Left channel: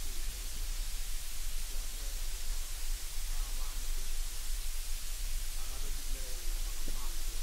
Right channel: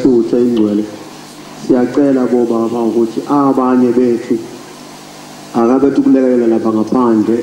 Isutha ingcwele siyacela boba baba ukuthi abanye bethu akabethu kulekelela lapha ngaphandle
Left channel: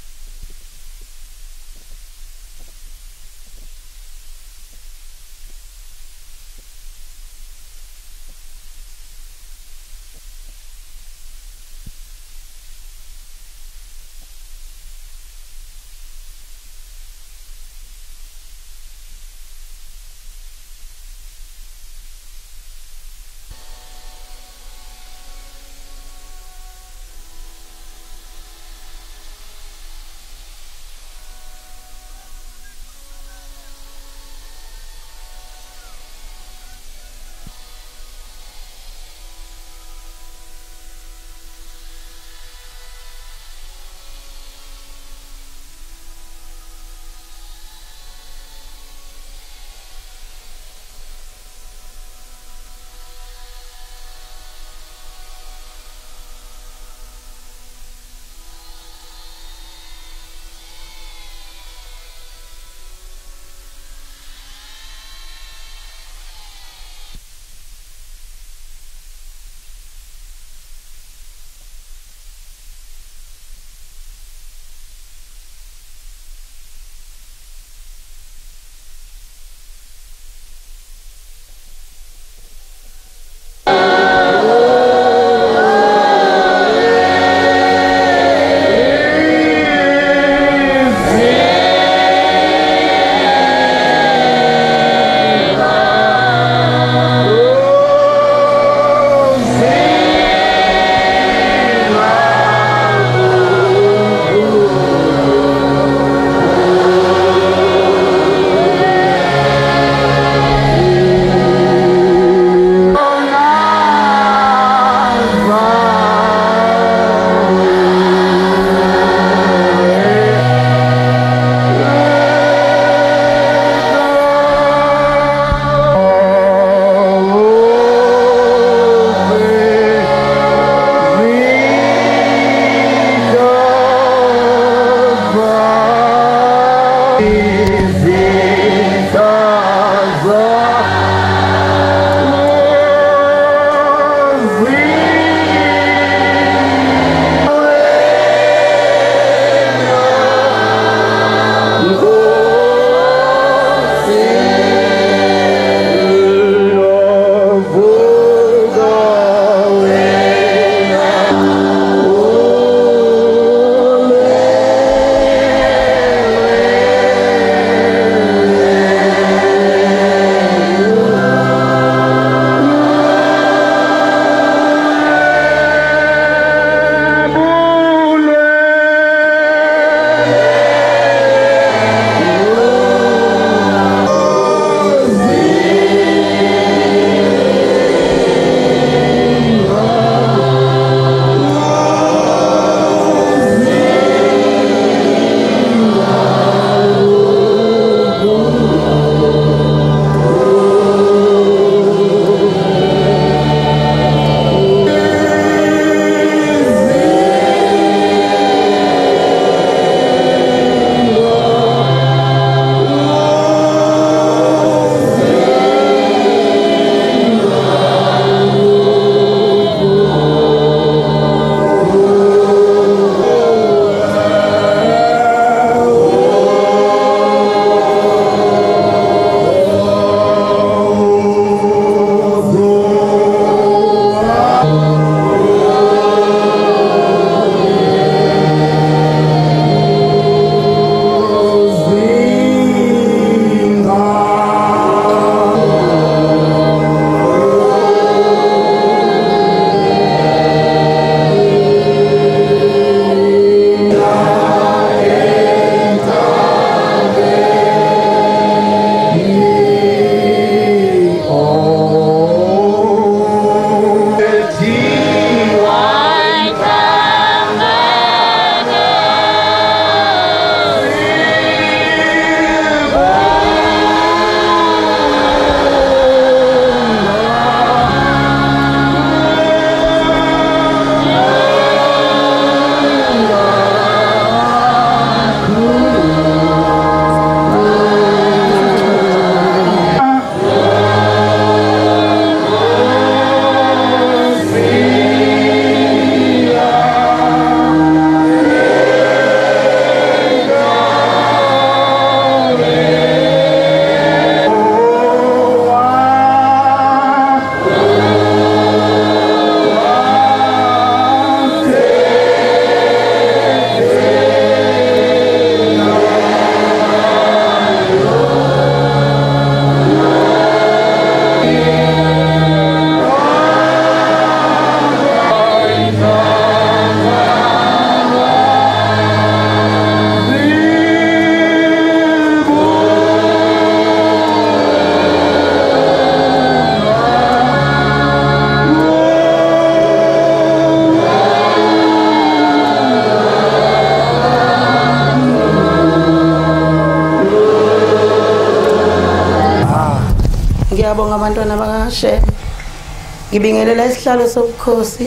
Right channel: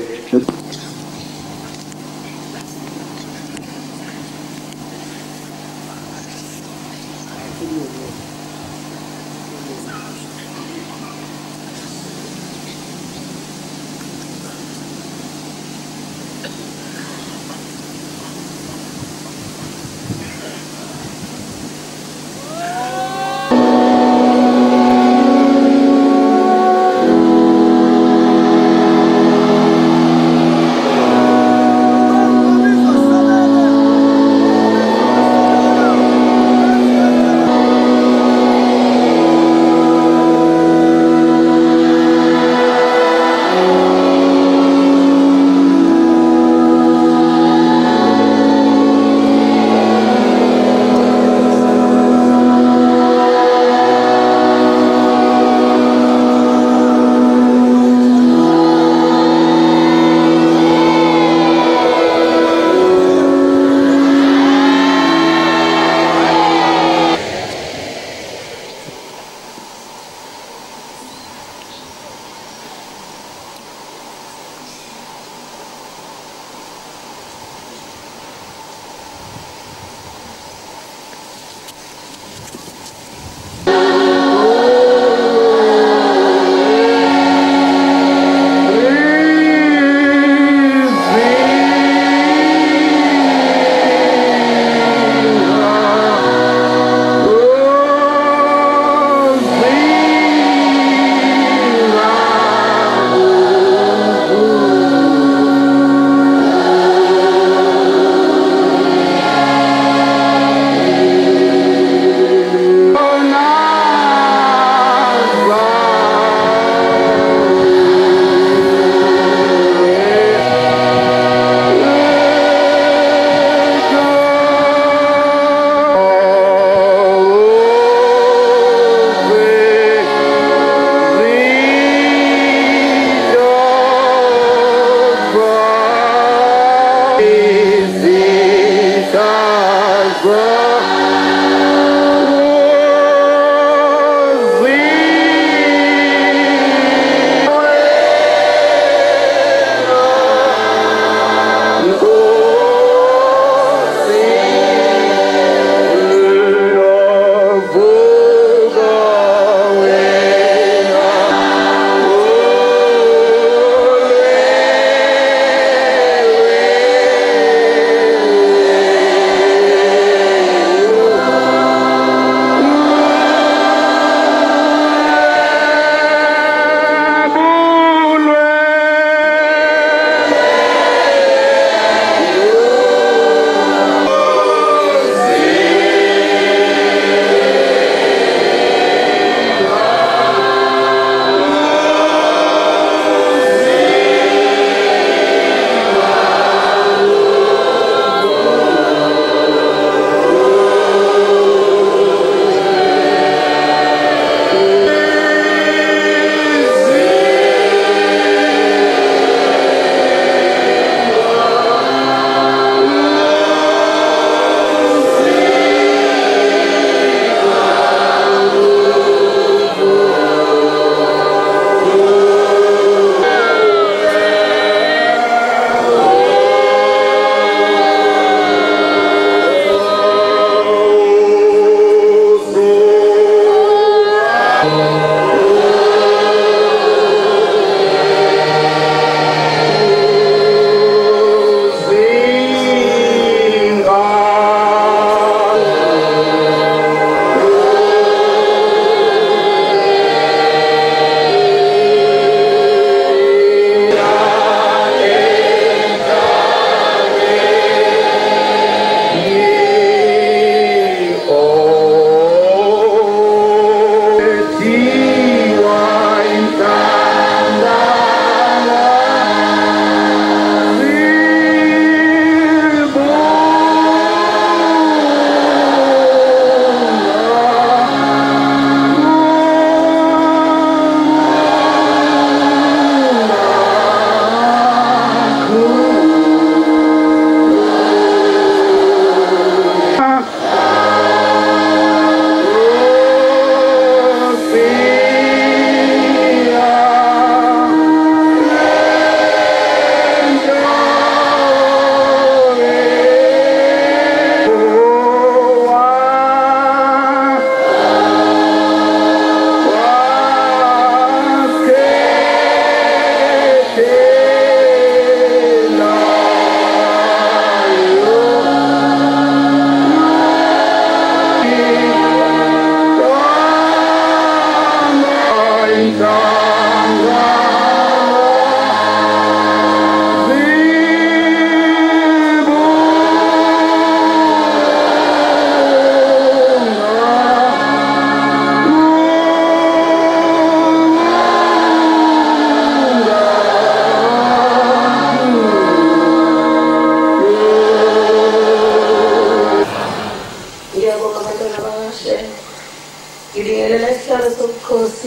ngibingelela isihlalo sobukhosi,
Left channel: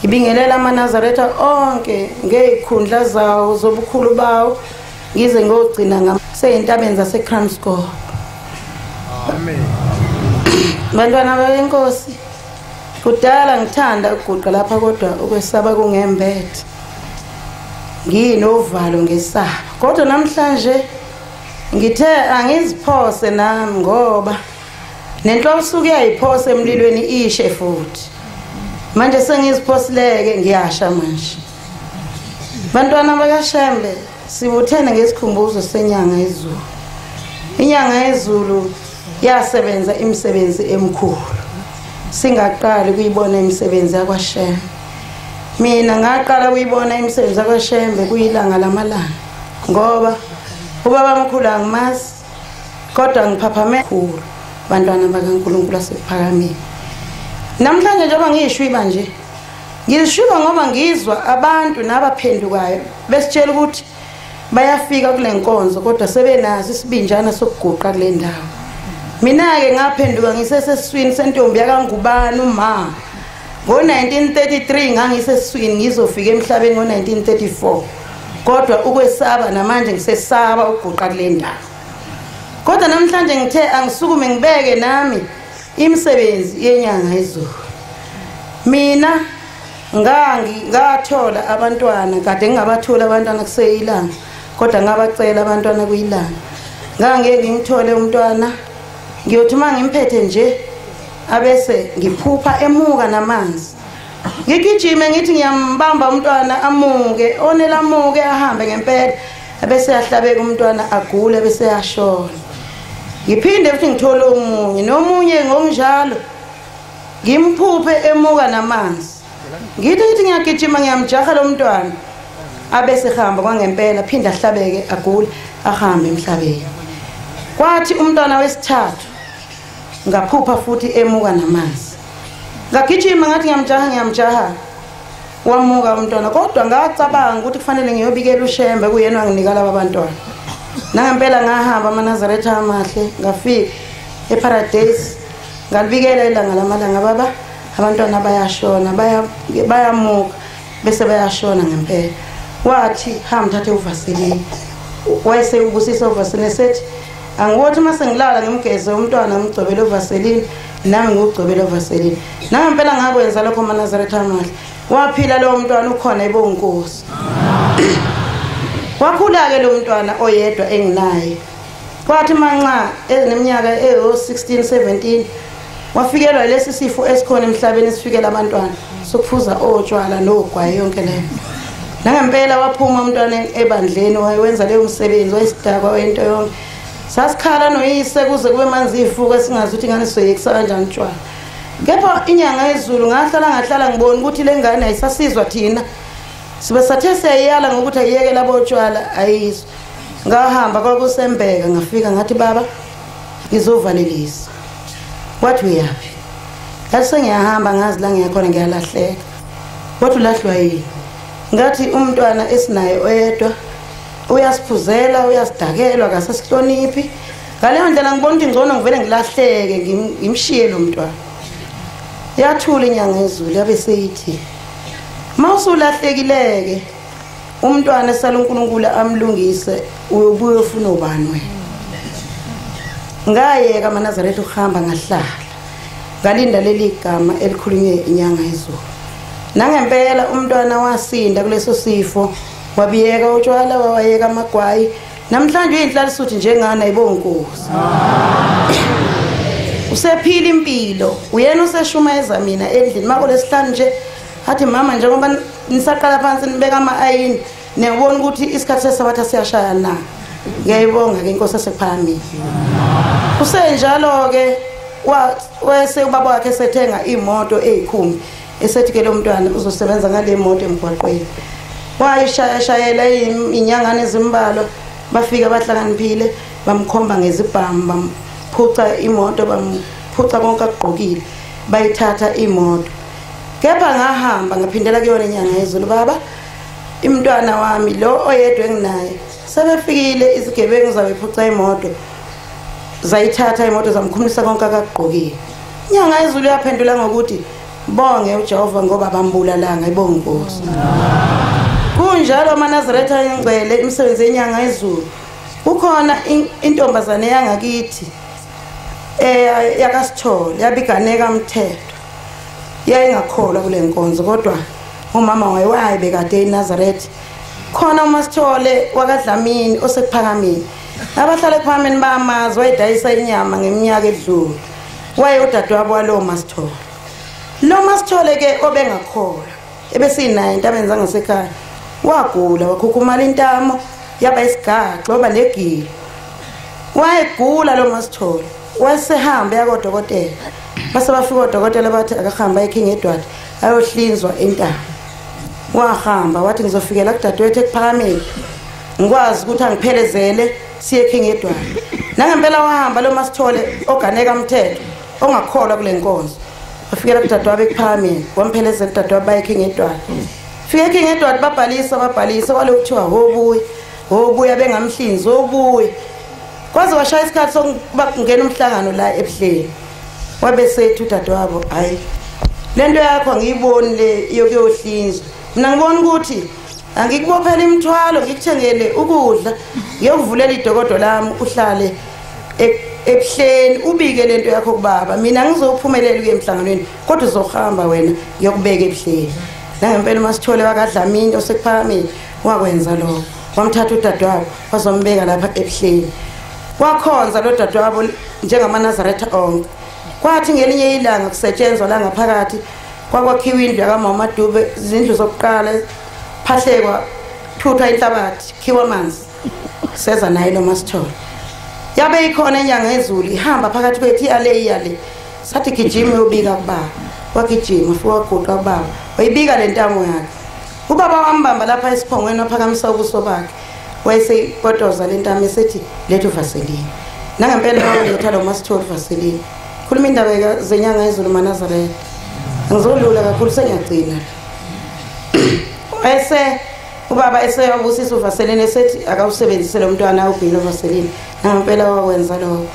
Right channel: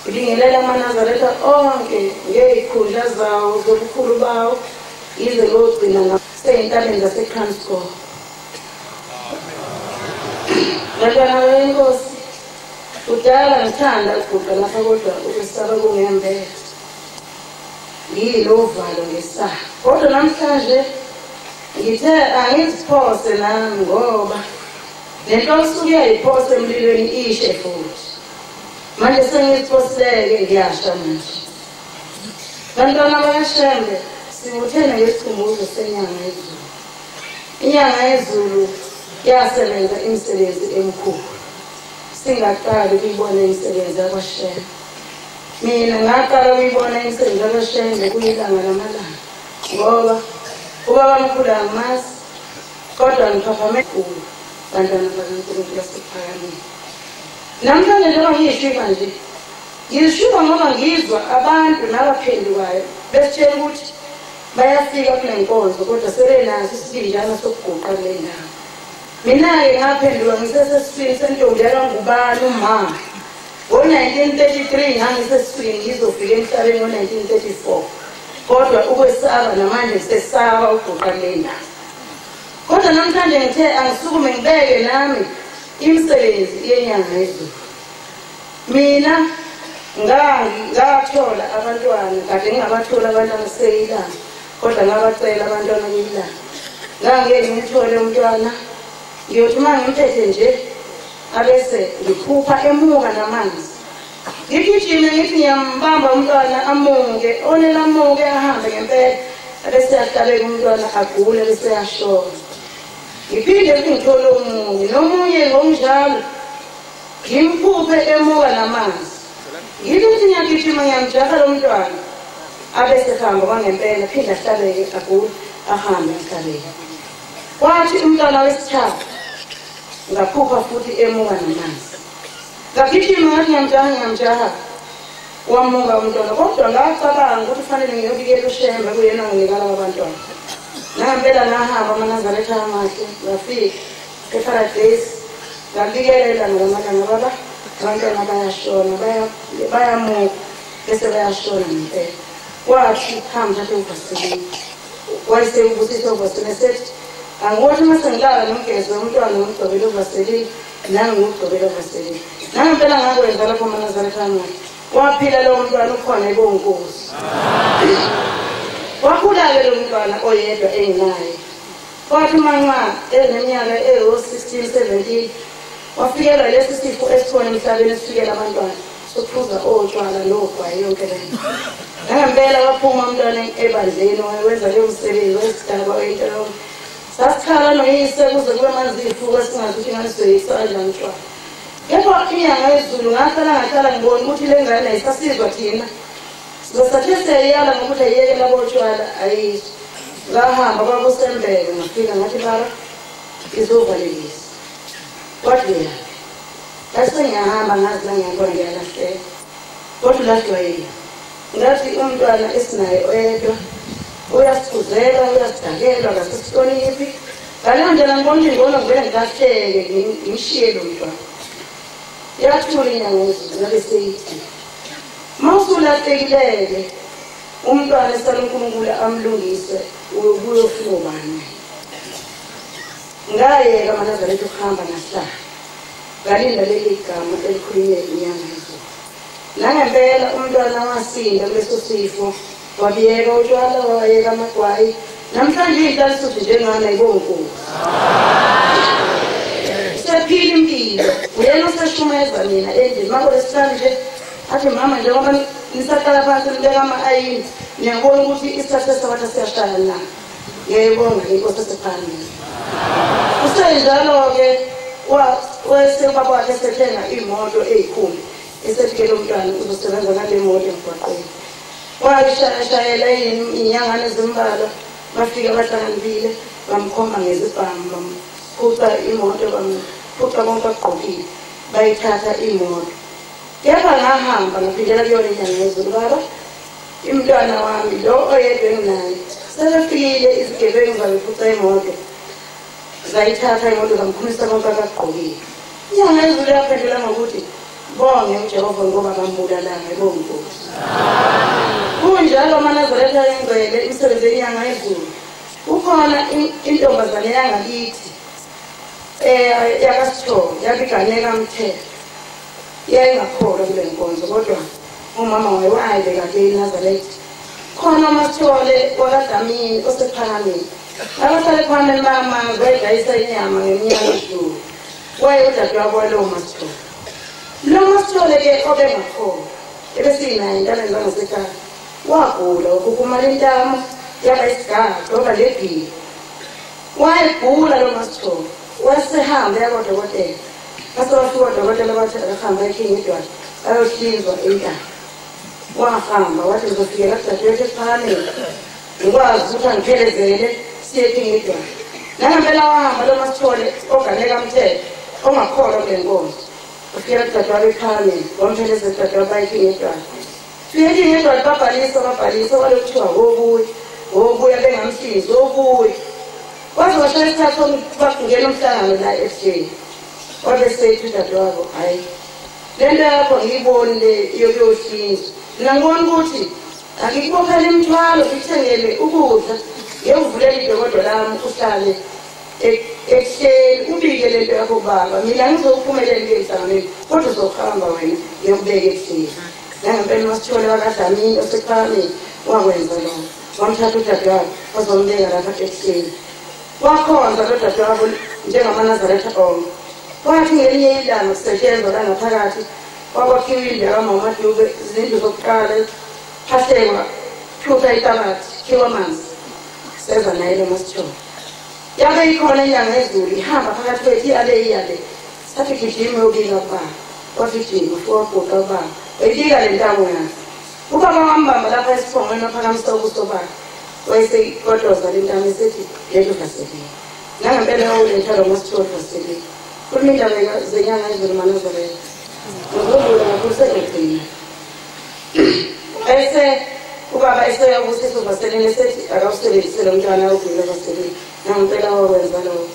ngibingelela amaNazaretha onke ngezikhundla zawo zobukhulu bawo ngize ngogcina ngaseyintabeni zaseKranskop. Amen. Bantwana benkosi, kudala ngithanda ukuguqa lapha kodwa ukwesaba kungembethe. Nginovalo ngesaba. Kodwa namhlanje ngithe angiziphose nami ngoba nenhloso uyayiphose emlilweni ishe futhi. Manje sengiziphosileke ngiyasha manje. Bantwana bakaShembe, sibuthene ngesikhumbuzo senyanga yezulu. Inyanga yezulu yasebenza imisebenzi emikhulu. Singaqali kuyibona imisebenzi yakwaShembe. Mina ngaqala kuyibona imisebenzi yakwaShembe kuyilanga lamalanga ngoba ubaba omkhulu angimazi kodwa ngiphaphame khulu bantwana bakaNkulunkulu asephakamile. Namhlanje njengoba ngiyishwiba nje ngishwiba ngoba ngizwa abantu nabaphendukayo besitshela ukuthi bayafika kule nkonzo kodwa sebenazi isibinjana sokuguqa le ndawo. Mina-ke ngaphenduka ngisesesiswini sentombi yakaNgubani umama. Ngo-1933 ngangisesiswini ngizofika emhlabeni ngo-1934. Kodwa ukwesaba namanje ngisesaba ukuguqa kule ndawo. Kodwa namhlanje ngithe angisukume ngibeke nami imisebenzi yenyanga yezulu. Mina ngathola abantwana kade ngingabathola abantwana kuseyilanga kodwa ngabacela abantwana kuyilanga. Ngangeke ngithole umntwana ngiyothi mangimphethe nje abese ngiphupha emuka namanzi. Ngigijime ngithi ngiyambamba umntwana amuke, onela amuke ahambe ngempela abese yahlabeka umntwana agule bese yashona. Ngiphinde futhi ngithole omunye nomunye ngokunjalo ngimphuphe emuka namanzi. Ngithi ngiyagijima ngiyamjaha lo mntwana abese ehamba kwangempela phinda ahlabeke agule ahambe emhlabeni. Kwathi umntwana wesithathu ngaphupha futhi emuka namanzi. Ngagijima ngathi ngiyamjaha wamuka umntwana kodwa ngacabanga ukuthi kufanele ngiyobikela uShembe kuyena nginika laba bantwana. Nangempela ngahamba amaNazaretha amahle ngafika eParadise ngabikela ilanga lamalanga baba abantwana bayashona bayamuka bese bayashona ngempela. Wathi hamba thathe uVaseline. Wayese ubusisa uVaseline sethi angiwothi mase ngilala ngimgeze umntwana ngigcobele uVaseline nami ngigcobele uVaseline. Nangempela ngakwenza lokho amaNazaretha amahle. Waphila lo mntwana ukhona ebonkosi. Wakhula-ke lo mntwana oyedwa enginaye. Kwathi manxa eneminyaka eyo-16 17 wafikelwa lesi sifo esikhona emhlabeni esifikela abantwana sokuphuza otshwala nogwayi yonke leyo. Nangempela waphuma umntwana ebandleni wayenza leyo msebenzi wayesidakwa wento yonke. Sasikhala noyise kuze kube manzi ifuka singazi ukuthi ingane soyekisa kanjani utshwala. Kepha inyanga yezulu ngahlala ngibona ukuthi le ngane ayisasizwa thina. Sibe sathe siyayala ngokuthi ayiyeke labo utshwala ayizwa. Ngahamba kwakuSembeka ngafika ngathi baba ngizovalelisa. Wathi uyaphi? Ngathi sengiyahamba ngazi la ngiyakhona ngiyalahleka. Wathi ulahlwa yini? Ngathi umntwana esinaye oyedwa uyasiphuzela uyasidakela akasesihloniphi. Ngaleyo ndlela ngibona ukuthi ngcono ngivele ngilahleke ngimshiye lo mntwana. Yathula inyanga yezulu yabe seyithi mawusulahlekileke umntwana esala uNkulunkulu amlungise uyobuya ufuna ubani wena. Ngayeka amaNazaretha ukuhamba ngahlala ngalinda leli gama elikhulunywe inyanga yezulu. Nangempela umntwana wasinda kuleso sifo wabiyeka utshwala wawayeka amagwayi. Namhlanje inhlala suthi njengana ibonkosi. Usephila impilo uyena useshumeza mina endlini mako lesihlanu nje athi mama njengoba nisaqala phansi nibeka ama-ayini niyabona ukuthi isikhathi sesawatha siyashaya na. Ngiyayibonga inkosi esephambili. Kusenjalo-ke wese ubaba wakhe esethenga imoto eyikhumbi esethi-ke lo mntwana uzosebenza ngale moto emgwaqweni. Wayishayela inyangane ezimbalwa bafika bahlakaniphile bamkhomba ngezibhamu bamphuca imoto bamphuca konke akugqokile bayithatha imoto. Kepha ngahamba ngaphindela kuyona inyanga yezulu baba imntwana wami lo oyedwa enginaye sebefikile izigebengu zabephuca imoto zayithatha imoto zamkhumisa konke akugqokile. inyanga yezulu yaphendula ngokuthi bonge uJehova ngoba bambulalanga ibonge Nkosi. Kunjalo amaNazaretha ayingcwele imisebenzi yenyanga yezulu. Kukhona intombazane yangakithi yakasithole yabiganeka umthetho. Yayingakholwa kule nkonzo kodwa umama wayewaye bekade eNazaretha. Khona uMasithole wakadlamini osekuphakameni. Abahlala ePhakameni bamazi wayedayisa inyama ngeminyaka edlule. Waye udadewabo walowo Masithole. Lo Masithole ke obengakholwa ebesinayo into abenza ngasekhaya. Wagula wakhukhumala intamo yaba isigaxa oba negili. Wayegula lo Masithole. Wasehamba yakodokotela. Base bafika odokotela bathi akahamba eKing Edward ayohlinzwa intamo. Wahamba wathi ngizofikela kudadewethu ePhakameni. Ngikwazi ukuthi angiphelezele siye eKing Edward. Nangempela wahamba lo Masithole oganeka umthetho ongakholwa kule nkonzo. Wafikela kudadewabo ePhakameni wamphelezela kudadewabo baye eKing Edward. Fika eKing Edward babhalisa walokuthiwa hobuya bengamhlinzi hobuya. Kwaze washaya isikhathi sokungena umhlangano la eBhleni. Wabesethi udadewabo hayi lento yakho ngiyiboni le yokuyohlinzwa. Mina ngibona ukuthi angikubophela imithwalo ngikuthengele ukudla ngiyovulela idokodo lami uhlale eBhleni ubike lento yakho kubaba. Mina ngizophumelela ke emhlanganweni kodwa uzohamba wena ngiyokubeka eBhleni. Nangempela uMasithole wakadlamini osekuphakameni wakwenza lokho. Wamthatha udadewabo wazombeka lapha eBhleni. Wakhonza lo dadewabo njengamaNazaretha onke. Kwathi ngelinye ilanga kusetshenzwa la ngaphakathi kwakwakhiwa indlu kaMama Dube izindlu zokuqala phahlekwa thutha inhlabathi khiwa amanzi seza naye lo Masithole. Yabe ikhona inyanga yezulu ihamba phakathi kwethu iyale sathi gijima uyobika kubaba. Wagijima futhi waguqa ubaba wayibika le ntamo yakhe. Ubaba wambamba lapha esiphongweni ophakamisa ubuso bakhe. Wayesekotoza le ntamo esethi lethu Vaseline. Nangempela baletha lo Masithole Vaseline. Khuluma indaba zenyanga yezulu maNazaretha. Ngizolula kakhulu sengiyagcina. Ubaba eseyabusisa uVaseline esethi akawusebenzise lo mntwana obhilo Vaseline. Nangempela wawenza lokho.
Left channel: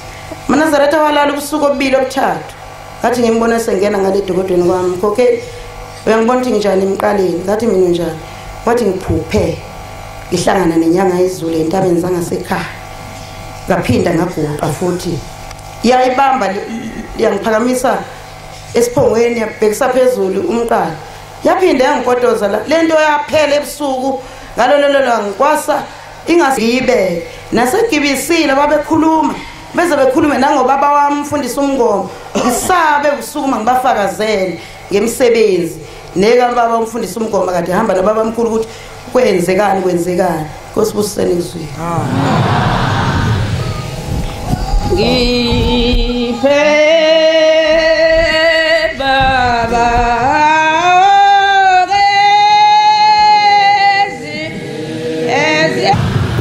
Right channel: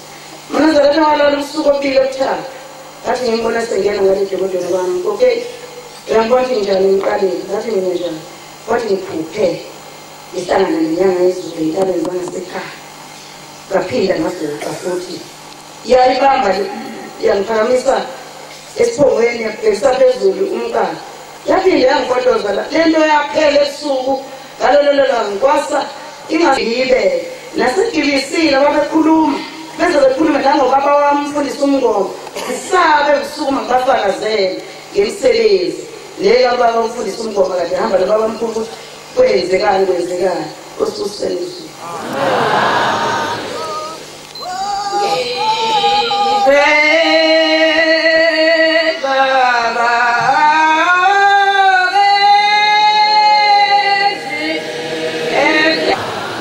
maNazaretha walala ubusuku obubili obuthathu. Ngathi ngimbona sengena ngale dokodweni kwami. Okay. Uyangibona ukuthi njani emqaleni. Ngathi mina njani. Wathi ngiphuphe. Ngihlangana nenyanga yezulu entabeni zangasekhaya. Ngaphinda ngaguqa futhi. Iyayibamba yangiphakamisa esiphongweni yabhekisa phezulu umqala. Yaphinde yangikotoza lento yaphela ebusuku ngalololo langa kwasa ingazibe nasekibisile babekhuluma beze bekhulume nangobaba wami umfundisi umngoma ngisabe ebusuku mangibafakazele ngemisebenzi neka baba umfundisi umngoma kade hamba nobaba omkhulu ukuthi kwenzekani Nkosi busisele izwi.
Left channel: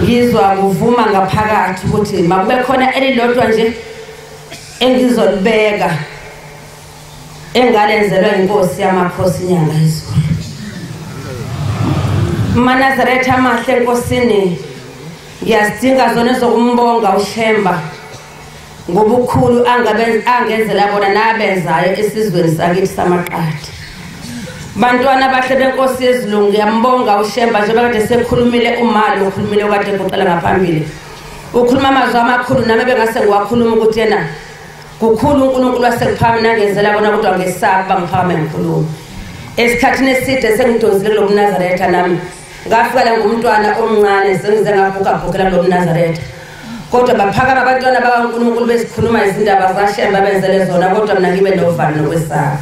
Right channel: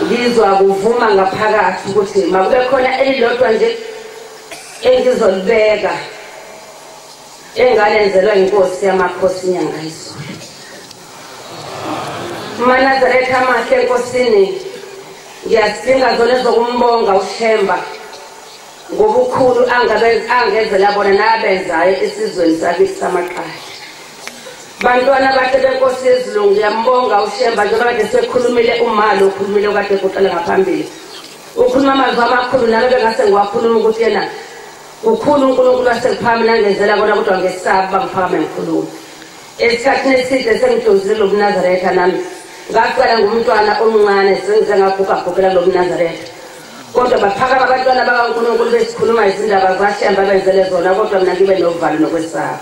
Ngizwa kuvuma ngaphakathi ukuthi makube khona elilodwa nje engizolibeka engalenzelwa inkosi yamakhosi inyanga yezulu. maNazaretha amahle enkosini ngiyadinga zona zokumbonga uShemba ngobukhulu angenzela bona nabenzayo esizweni sakithi samaqadi. Bantwana bahle benkosi yezulu ngiyambonga uShemba njengoba ngisekhulumile umali okhulumile kade kuqala ngaphambili. Ukhuluma amazwi amakhulu nami bengase ngiwakhuluma ukuthi yena kukhulu uNkulunkulu wasePhakameni angenzela bona kodwa ngesaba ngiphakame ngikhuluma. Esikhathini eside sengidozile lo maNazaretha nami ngafela ngumntwana omncane sengize ngabhukabhukela lo maNazaretha. Kodwa baphakama abantwana bakaNkulunkulu besikhuluma izindaba zaShemba benzele zona kodwa mina ngibe novalo nokwesaba.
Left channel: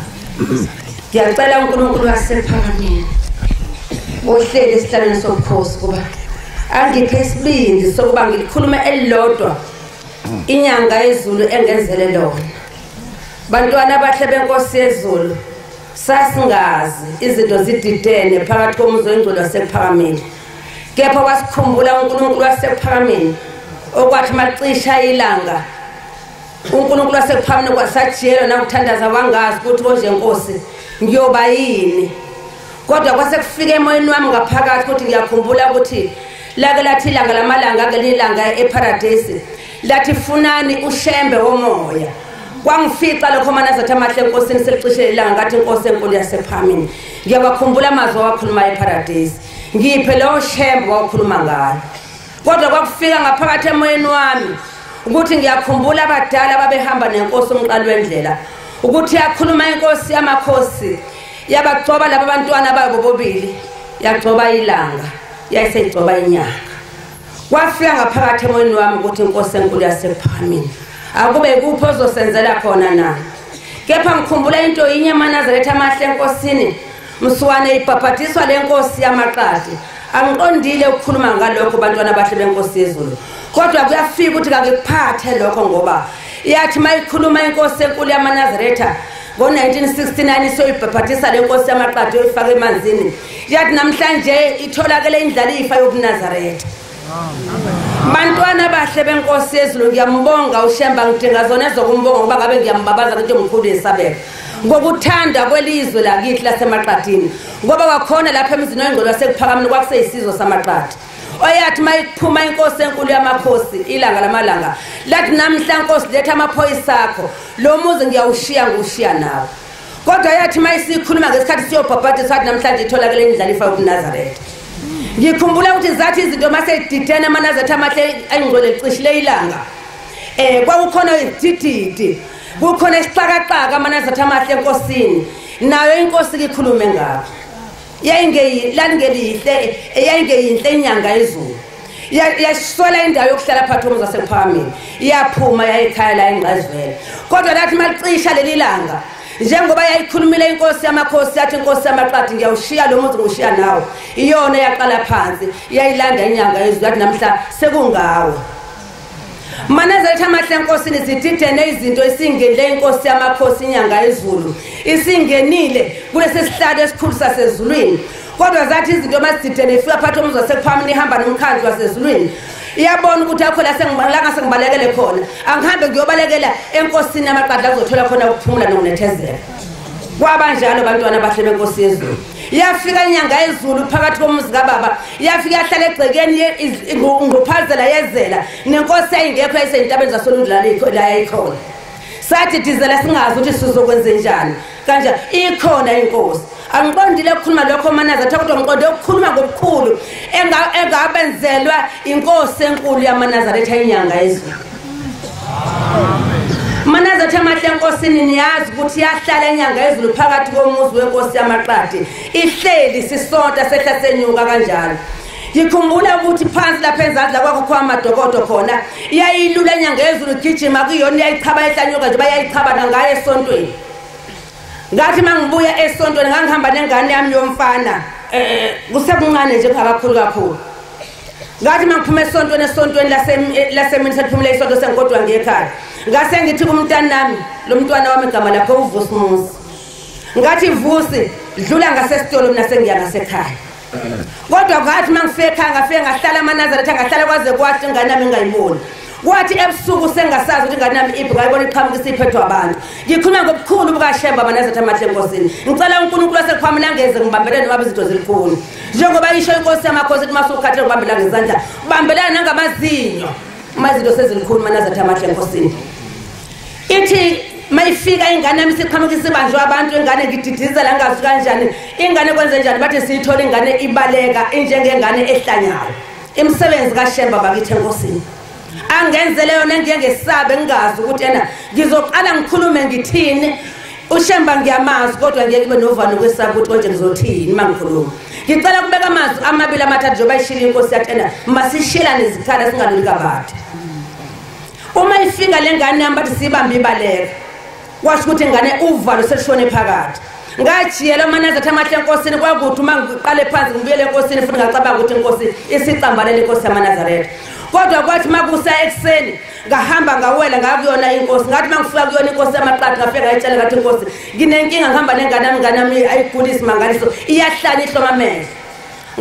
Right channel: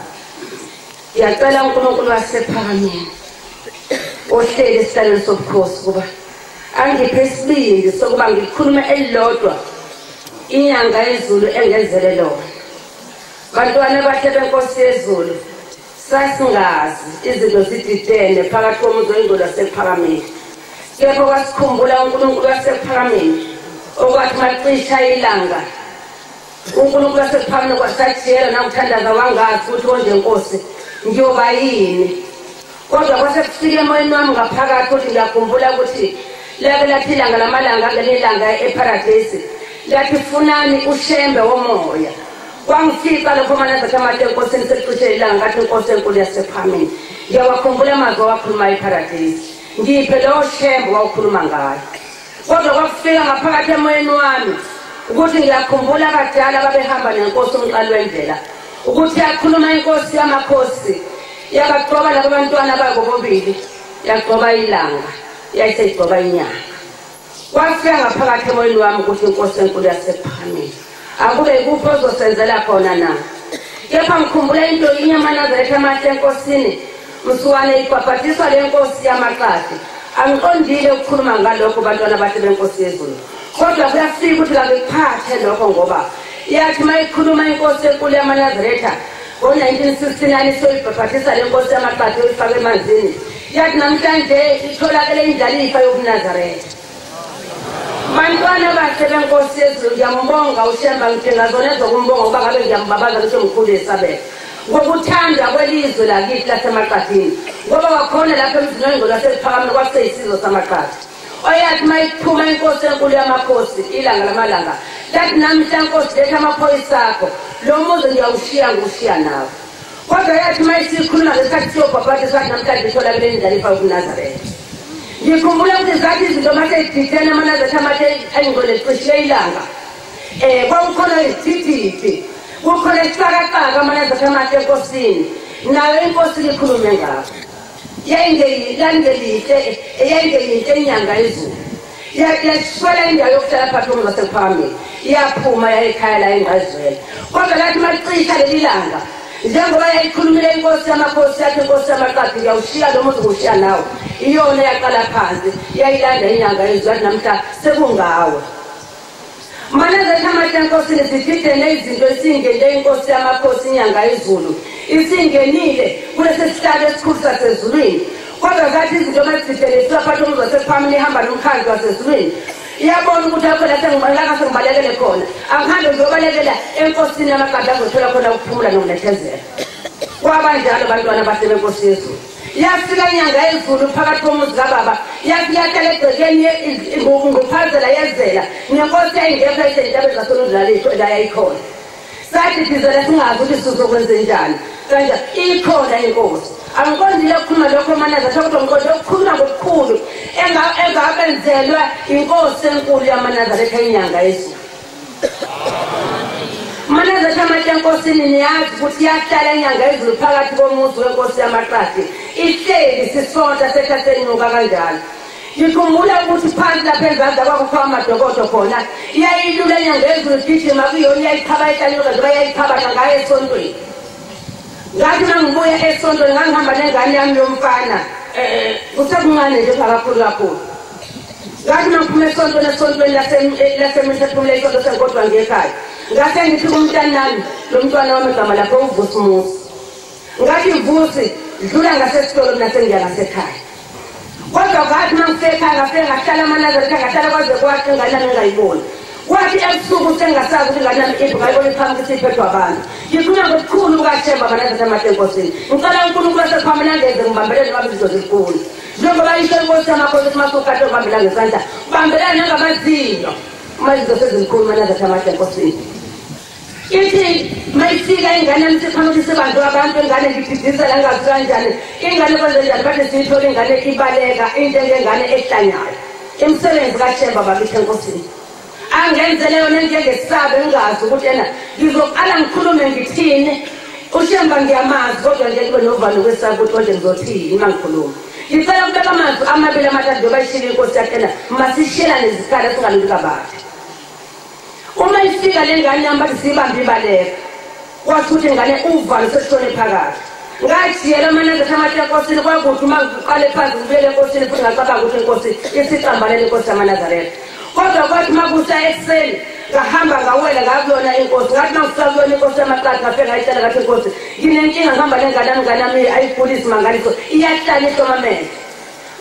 Ngiyacela uNkulunkulu wasePhakameni ohleli esihlalweni sobukhosi kuba angiphe isibindi sokuba ngikhulume elilodwa inyanga yezulu engenzele lona. Bantwana bahle benkosi yezulu sasingazi izinto zididene phakathi komuzi wendlu wasePhakameni. Kepha kwasikhumbula uNkulunkulu wasePhakameni okwathi macisha ilanga uNkulunkulu wasePhakameni kwasajiyela nakuthandaza wangazi ukuthi konje Nkosi ngiyoba yini. Kodwa kwase kufike emoyeni wami ngaphakathi ukuthi ngiyakhumbula ukuthi lake lathi ilanga lamalanga ke lilanga eParadise lathi funani uShembe womoya Kwangifika lokho manazathi amahle enkosini secishe ilanga ngathi inkosi enkulu yasePhamini. Ngiyabakhumbula amazwi awakhuluma eParadise. Ngiphe lo shembo wakhuluma ngayo. Kodwa kwakufika ngaphakathi emoyeni wami ukuthi ngiyakhumbula abadala babehamba nenkosi umqalo wendlela. Ukuthi yakhuluma inkosi yamakhosi yabagcoba labo bantwana babo bobili yagcoba ilanga yayisegcoba inyanga. Kwafika ngaphakathi emoyeni wami ukuthi inkosi enkulu yasePhamini akube kupho ozosenzela khona na. Kepha ngikhumbula into yinye eManazaretha amahle enkosini msuwane ibhabhatiswa lenkosi yamaqadi. Angiqondile ukukhuluma ngalokho bantwana bahle lenkosi yezulu. Kodwa kuyafika ukuthi kakuphathe lokho ngoba yathi mayikhuluma inkosi enkulu yaManazaretha ngo-1969 isoyibhabhatisa lenkosi yamaqadi oyifaka emanzini. Yathi namhlanje itholakele indlalifa yobuNazaretha. Bantwana bahle benkosi yezulu ngiyambonga uShemba ngithenga zona ezokumbonga ngoba ngabe ngiyambabaza ukuthi ngikhulu yesabela. Ngokuthanda kwelizwe lakithi laseMaqadini ngoba wakhona lapha emizini wengqolo yasePhakameni kwaseyisizwe samaqadi. Oyathi mayiphuma inkosi enkulu yamakhosi ilanga lamalanga lathi namhla nkosi letha amaphoyisa akho lo muzi ngiyawushiya ngushiya nawe. Kodwa yathi mayisikhuluma ngesikhathi siyobhabhatisa ukuthi namhlanje itholakele indlalifa yobuNazaretha. Ngikhumbula ukuthi zathi izinto masedidene aManazaretha amahle engqolo ecishile ilanga. Kwakukhona izithithiti. Kukhona isixakaxaka aManazaretha amahle enkosini nayo inkosi likhulume ngakho. Yayingeyinhle inyanga yezulu. Yaswela indawo yokuhlala phakathi kwasePhamini. Yaphuma yayikhaya la engqazweni. Kodwa lathi macisha leli langa njengoba yayikhulumile inkosi yamakhosi yathi inkosi yamaqadi ngiyawushiya lo muntu ngushiya nawo. Iyona yaqala phansi yayilanda inyanga yezulu namhla sekungawo. Manazaretha amahle enkosini zididene izinto esingenile inkosi yamakhosi inyanga yezulu. Isingenile kwesesihlalo esikhulu sasezulwini. Kodwa zathi izinto mazididene ifika phakathi komuzi wasePhamini ihamba nomkhandlu wasezulwini. Iyabona ukuthi akho la sengibalekele khona. Angihambe ngiyobalekela enkosini yamaqadi azothola khona ukuphumula nonethezela. Kwabanjalo bantwana bahle benkosi yezulu. Yafika inyanga yezulu phakathi komuzi kababa. Yafika yahlala egcekeni ngophazela yezela. Nenkosi ayingekho esentabeni zasondlaleko la yayikhona. Sathi dizela singazi ukuthi sizokwenza njani. Kanjani ikhona inkosi. Angiqondile ukukhuluma lokho Manazaretha kodwa ngiqonde ukukhuluma ngokukhulu engabenzelwa inkosi enkulu yaManazaretha inyanga yezulu. Manazaretha amahle enkosini niyazi ukuthi yahlala inyanga yezulu phakathi komuzi wenkosi yamaqadi. Ihleli sisonta sehlasenyuka kanjalo. Ngikhumbula ukuthi phansi lapha ezandla kwakho amadokodo khona iyayilula inyanga yezulu gijima kuyona yayichaba ehlanyuka nje bayayichaba ngayo esontweni. Ngathi mangibuya esontweni ngihamba nengane yami yomfana kusekuncane nje kakhulu. Ngathi mangiphuma esontweni lasemini sethumule isonto sengodwa ngekhaya. Ngase ngithi kumntwana nami lo mntwana wami egama lapho uVusi Musa. Ngathi Vusi dlula ngasesitolo nasengiya ngasekhaya. Kodwa ngathi mangifika ngahlala eManazaretha ngahlala kwaze kwathi ingane yami ngayibona. Kwathi ebusuku sengasazi ukuthi ingane yami iphi ngayibona iqhamuka isiphethwe abantu. Ngikhuluma ngokukhulu kukaShemba aManazaretha amahle enkosini. Ngicela uNkulunkulu wasePhamini angeze ngibambelele ngabe izinto zikhulu. Njengoba isho inkosi yamakhosi kumasukhathe ngibambelana ngezandla. Ubambelana nangabazinyo. Mazinto sezikhulu aManazaretha amahle enkosini. Ithi mayifika ingane yami siqhamuka isibanjwa abantu ingane ngididizela ngazi kanjani. Ingane kwenze njani bathi siyithola ingane ibaleka njengengane ehlanyayo. Imsebenzi kaShemba bakithi enkosini. Angenzele yona ngesabe ngazi ukuthi yena ngizoqala ngikhulume ngithini. uShemba ngiyamazi kodwa ngeke kube novalo kwesabo ukuthi manje ngizothini mangikhuluma. Ngicela kubeka amazwi amabili amathathu njengoba ishilo inkosi yathena masishila nezikhala singalika bathe. Uma ifika lengane yami bathi sibambe ibaleka. Washo ukuthi ingane uvalo sekushone phakathi. Ngajiyela aManazaretha amahle enkosini kwakuthi uma ngiqale phansi ngibuyele enkosini futhi ngicabanga ukuthi inkosi isicambalele inkosi yaManazaretha. Kodwa kwathi makusa ekseni ngahamba ngawela ngakuyona inkosi. Ngathi mangifika kuyona inkosi yamaqadi ngafika ngayitshela ngathi inkosi nginenkinga ngihamba nengane yami ayigulisa mangaliso iyahlala ihloma amehlo.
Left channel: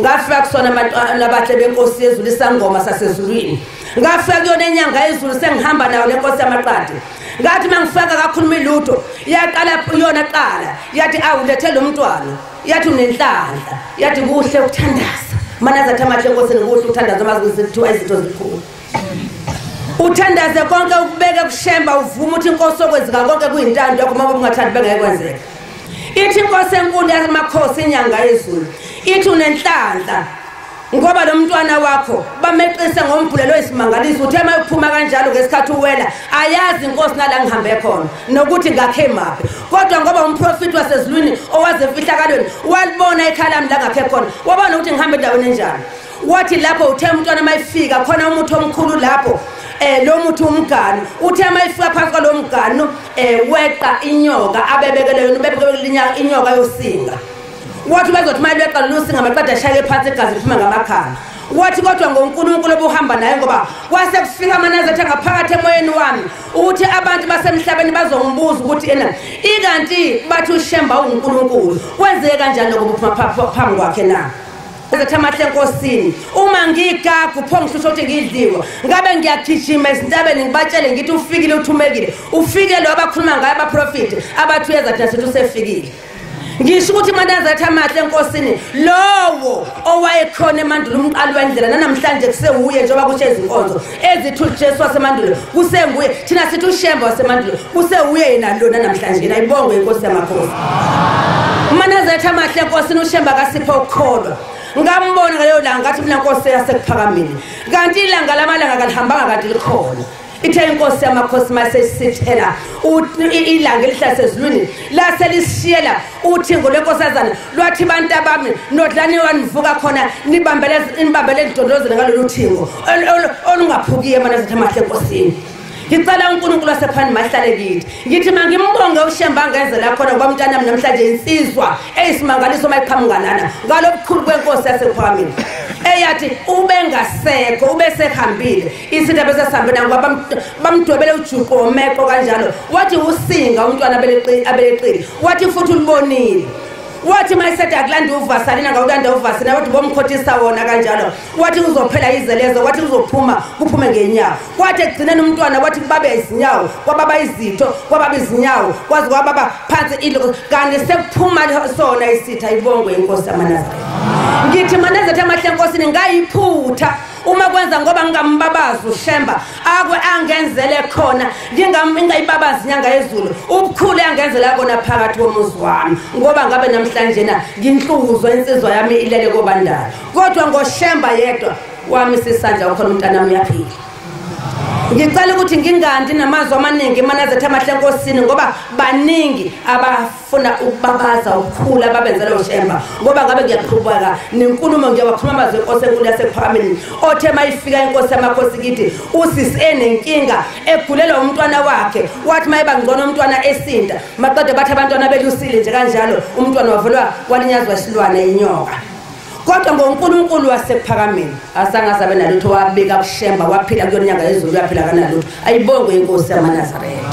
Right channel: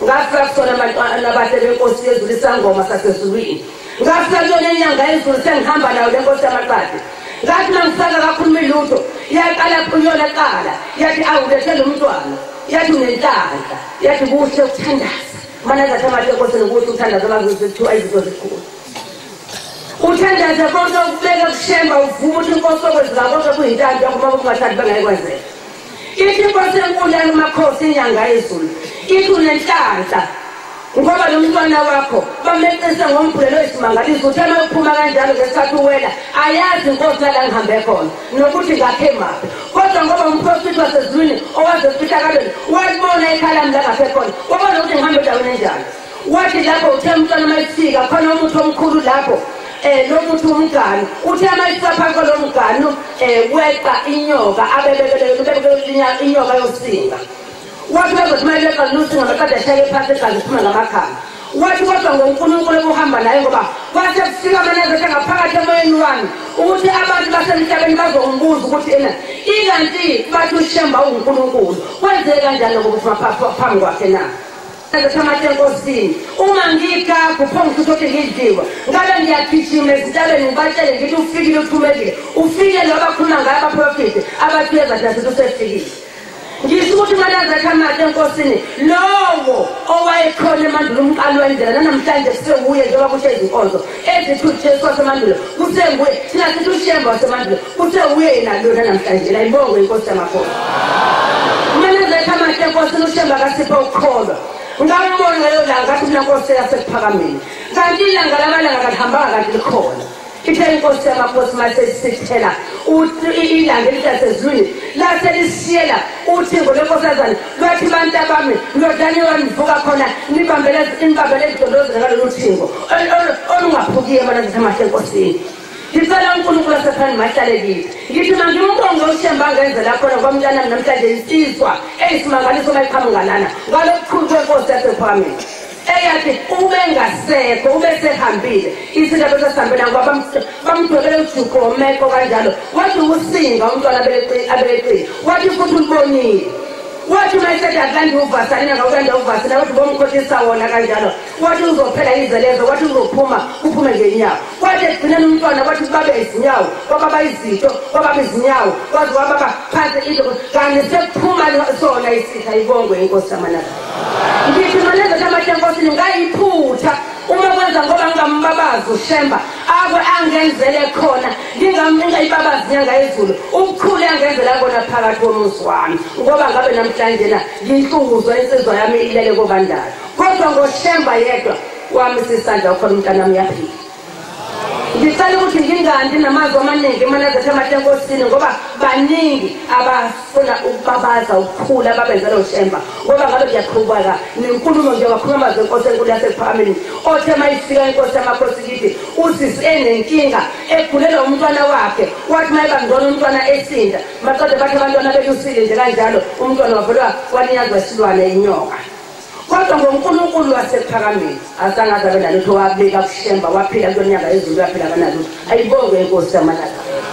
Ngafika kusona abantwana bahle benkosi yezulu isangoma sasezulwini. Ngafika kuyona inyanga yezulu sengihamba nayo lenkosi yamaqadi. Ngathi mangifika kakhuluma ilutho yaqala yona qala yathi awulethele umntwana yathi unenhlanhla yathi kuhle ukuthandaza. Manazaretha amahle enkosini ukuthi uthandaza bazosithiwa izinto zikhulu. uthandaze konke ukubeka kushemba uvuma ukuthi inkosi okwenzeka konke kuyintando kuma ungathandi bengekwenzeka ithi inkosi enkulu yamakhosi inyanga yezulu ithi unenhlanhla ngoba lo mntwana wakho bameqise ngombhulelo isimangaliso uthe mayiphuma kanjalo ngesikhathi uwela ayazi inkosi nala ngihambe khona nokuthi ngakhe maphi kodwa ngoba umprofeti wasezulwini owaze efihlakalweni walibona ekhalamu la ngakhe khona wabona ukuthi ngihambe endaweni enjalo wathi lapho uthe umntwana mayifika khona umuntu omkhulu lapho lo muntu umgani uthe mayifika phakathi kwalo mgani weqa inyoka abebekele inyoka yosinga wathi bazothi mayileqa lusinga baqeda shaya phansi igazi liphuma ngamakhala wathi kodwa ngoNkulunkulu obuhamba naye ngoba wase kufika amanazatha ngaphakathi emoyeni wami ukuthi abantu basemhlabeni bazombuza ukuthi ikanti bathi ushemba uNkulunkulu kwenzeke kanjani ngokuphuma phambi kwakhe na Thamahle enkosini uma ngigapha uphongisho ukuthi ngidliwa ngabe ngiyagijima ezintabeni ngibatshele ngithi ufikile uthumekile ufike lo abakhuluma ngayo abaprofeti abathuyeza nje usefikile ngisho ukuthi manje Thamahle enkosini lowo owayekhona emandulo umqali wendlela namhlanje kusewuye njengoba kuthi ezinkonzo ezithuthi Jesu wasemandulo kusenguye thina sithi ushemba wasemandulo kusewuye yena lona namhlanje la ibonge inkosi yamakhosi manje Thamahle enkosini ushemba kasipho ukukholwa ngambona leyo langa ngathi mina Nkosi yasekuphakameni kanti ilanga lamalanga kalihambanga kanti likhona ithe inkosi yamakhosi masesithela ilanga elihlazezulwini lase lisiyela uthingo lenkosazana lwathi bantu abami nodlani wanivuka khona nimbambele idondozela ngalolu thingo olungaphukiye mana Thamahle enkosini ngicela uNkulunkulu wasephani mahlale lithi ngithi mangimbonge ushemba ngezela khona kwamntana namhlanje insizwa eyisimangaliso mayiqhamukanana ngalokukhulu kwenkosi yasephami eyathi ube ngasekho ube sehambile isinto besesihambile ngoba bamdwebele uJuko omeko kanjalo wathi usinga umntwana abeleqile wathi futhi ulibonile wathi mayesede akulandi uvasalina ngawulanda uvasina wathi bomkhothisa wona kanjalo wathi uzophela izelezo wathi uzophuma kuphume ngenyawo wathi egcineni umntwana wathi babe izinyawo kwababa izitho kwababa izinyawo kwazi kwababa phansi into kanye sekuphuma sona isitha ibongo inkosi yamanazarete ngithi manazarete Thamahle enkosini ngayiphutha uma kwenza ngoba ngambabazi ushemba akwe angenzele khona ngingayibabazi inyanga yezulu ubukhulu angenzela kona phakathi komuzi wami ngoba ngabe namhlanje na nginhluzwa insizwa yami ilele kobandala kodwa ngoshemba yedwa wami sisandla ukhona umntanami yafika ngicela ukuthi ngingandi namazwi amaningi manazarete Thamahle enkosini ngoba baningi abafuna ukubabaza ukukhula babenzela ushemba ngoba ngabe kuyaqhubeka nenkulumo nje wakhuluma amazwi enkosi enkulu yasephakemeni othe mayifika inkosi yamakhosi kithi usisi enenkinga egulelwa umntwana wakhe wathi mayiba ngcono umntwana esinda maqede bathi abantwana bethu usile nje kanjalo umntwana wavulwa kwalinyazwa isilwane inyoka kodwa ngoNkulunkulu wasephakameni asangaze benalutho wabika kushemba waphila kulonyaka ezulu yaphila kanalutho ayibonge inkosi yamanazarete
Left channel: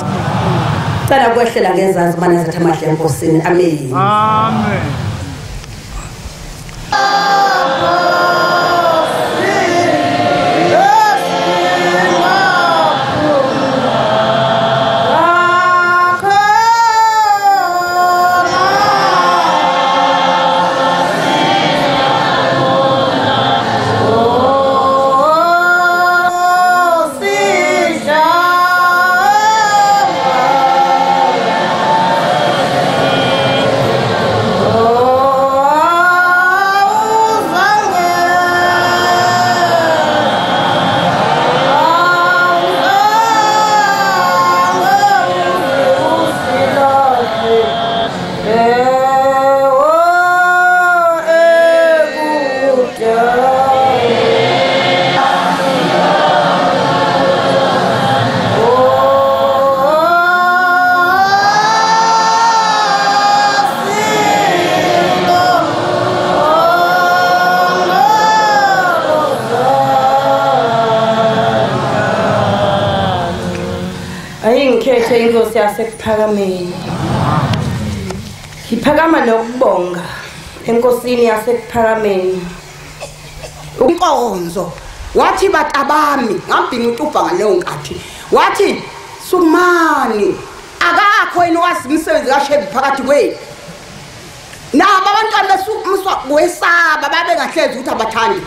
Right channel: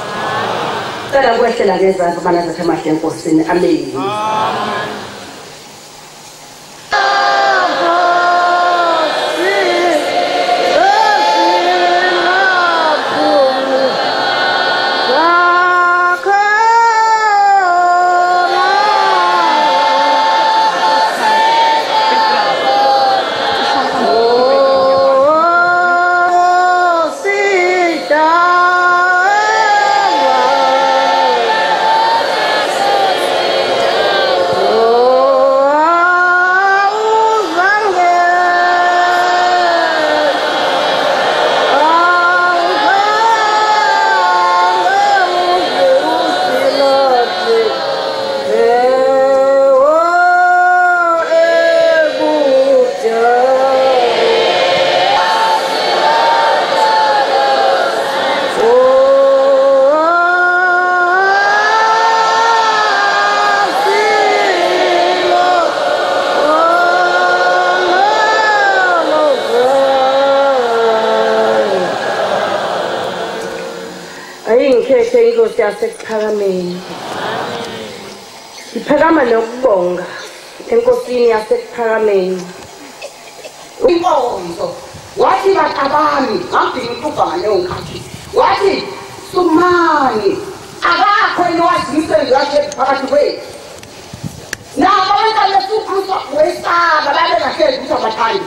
cela kwehlela ngezansi manazarete Thamahle enkosini amen amen inkosi yasekuphakameni iphakama lokubonga enkosini yasekuphakameni inkonzo wathi batabami ngambini uqubha ngaleyo nkathi wathi sumani akakho eniwazimisele yashe phakathi kwethu nabo abantu abesukuswa kwesaba babe ngahlezi ukuthi abathandi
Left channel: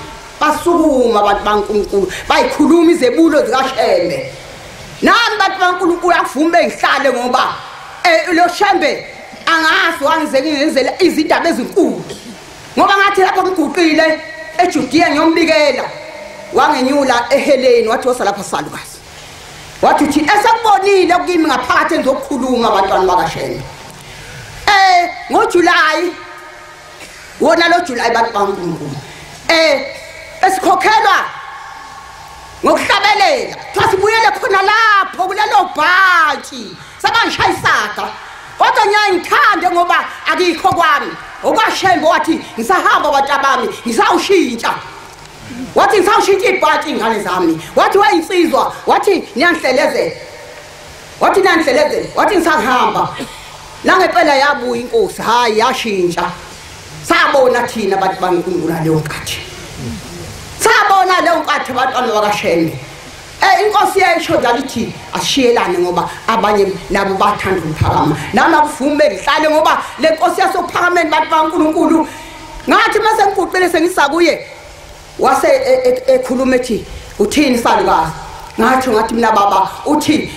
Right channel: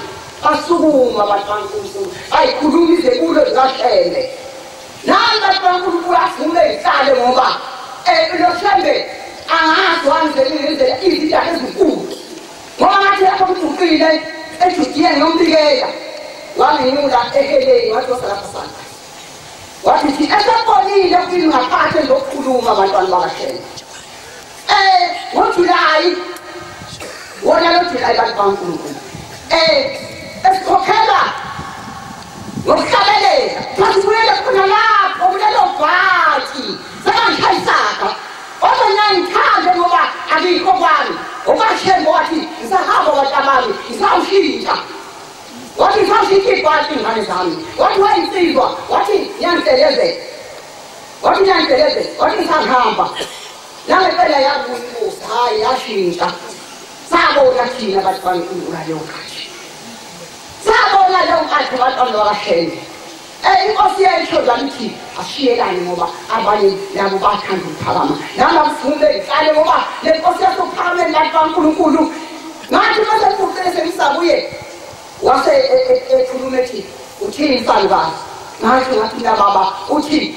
basukuma abantu baNkulunkulu bayikhuluma izebulo zikaShembe nami abantu baNkulunkulu avume ngihlale ngoba lo Shembe angazi wangizenzela izindaba ezinkulu ngoba ngathi lapho umguqile eJudiya ngiyombikela wangenyula eheleni wathi wasa lapha salibasi wathi uthi esabonile kimi ngaphakathi enzokukhuluma abantwana bakaShembe ngoJulayi wona lo July abantu baNkulunkulu esikhokhelwa ngokuhlabelela futhi kuyele khona lapho kulelo bhathi sabangishayisaka kodwa ngiyayithanda ngoba akikho kwami okaShembe wathi ngisahamba batabami ngisawushintsha wathi ngisawushintsha ibhathi ingane zami wathi wayinsizwa wathi niyangihlelezela wathi ngisahamba langempela yabuya inkosi hayi yashintsha sabona thina abantu baNkulunkulu leyo nkathi sabona leyo nkathi abantwana bakaShembe inkosi yesho zakithi ashiyelane ngoba abanye nabo bathanda ukuphakama nami akuvume ngihlale ngoba le nkosi yasophakameni abantu baNkulunkulu ngathi bese ngiqoqele sengisakuye wase ekhuluma ethi uthini salikazi ngathi mina baba uthi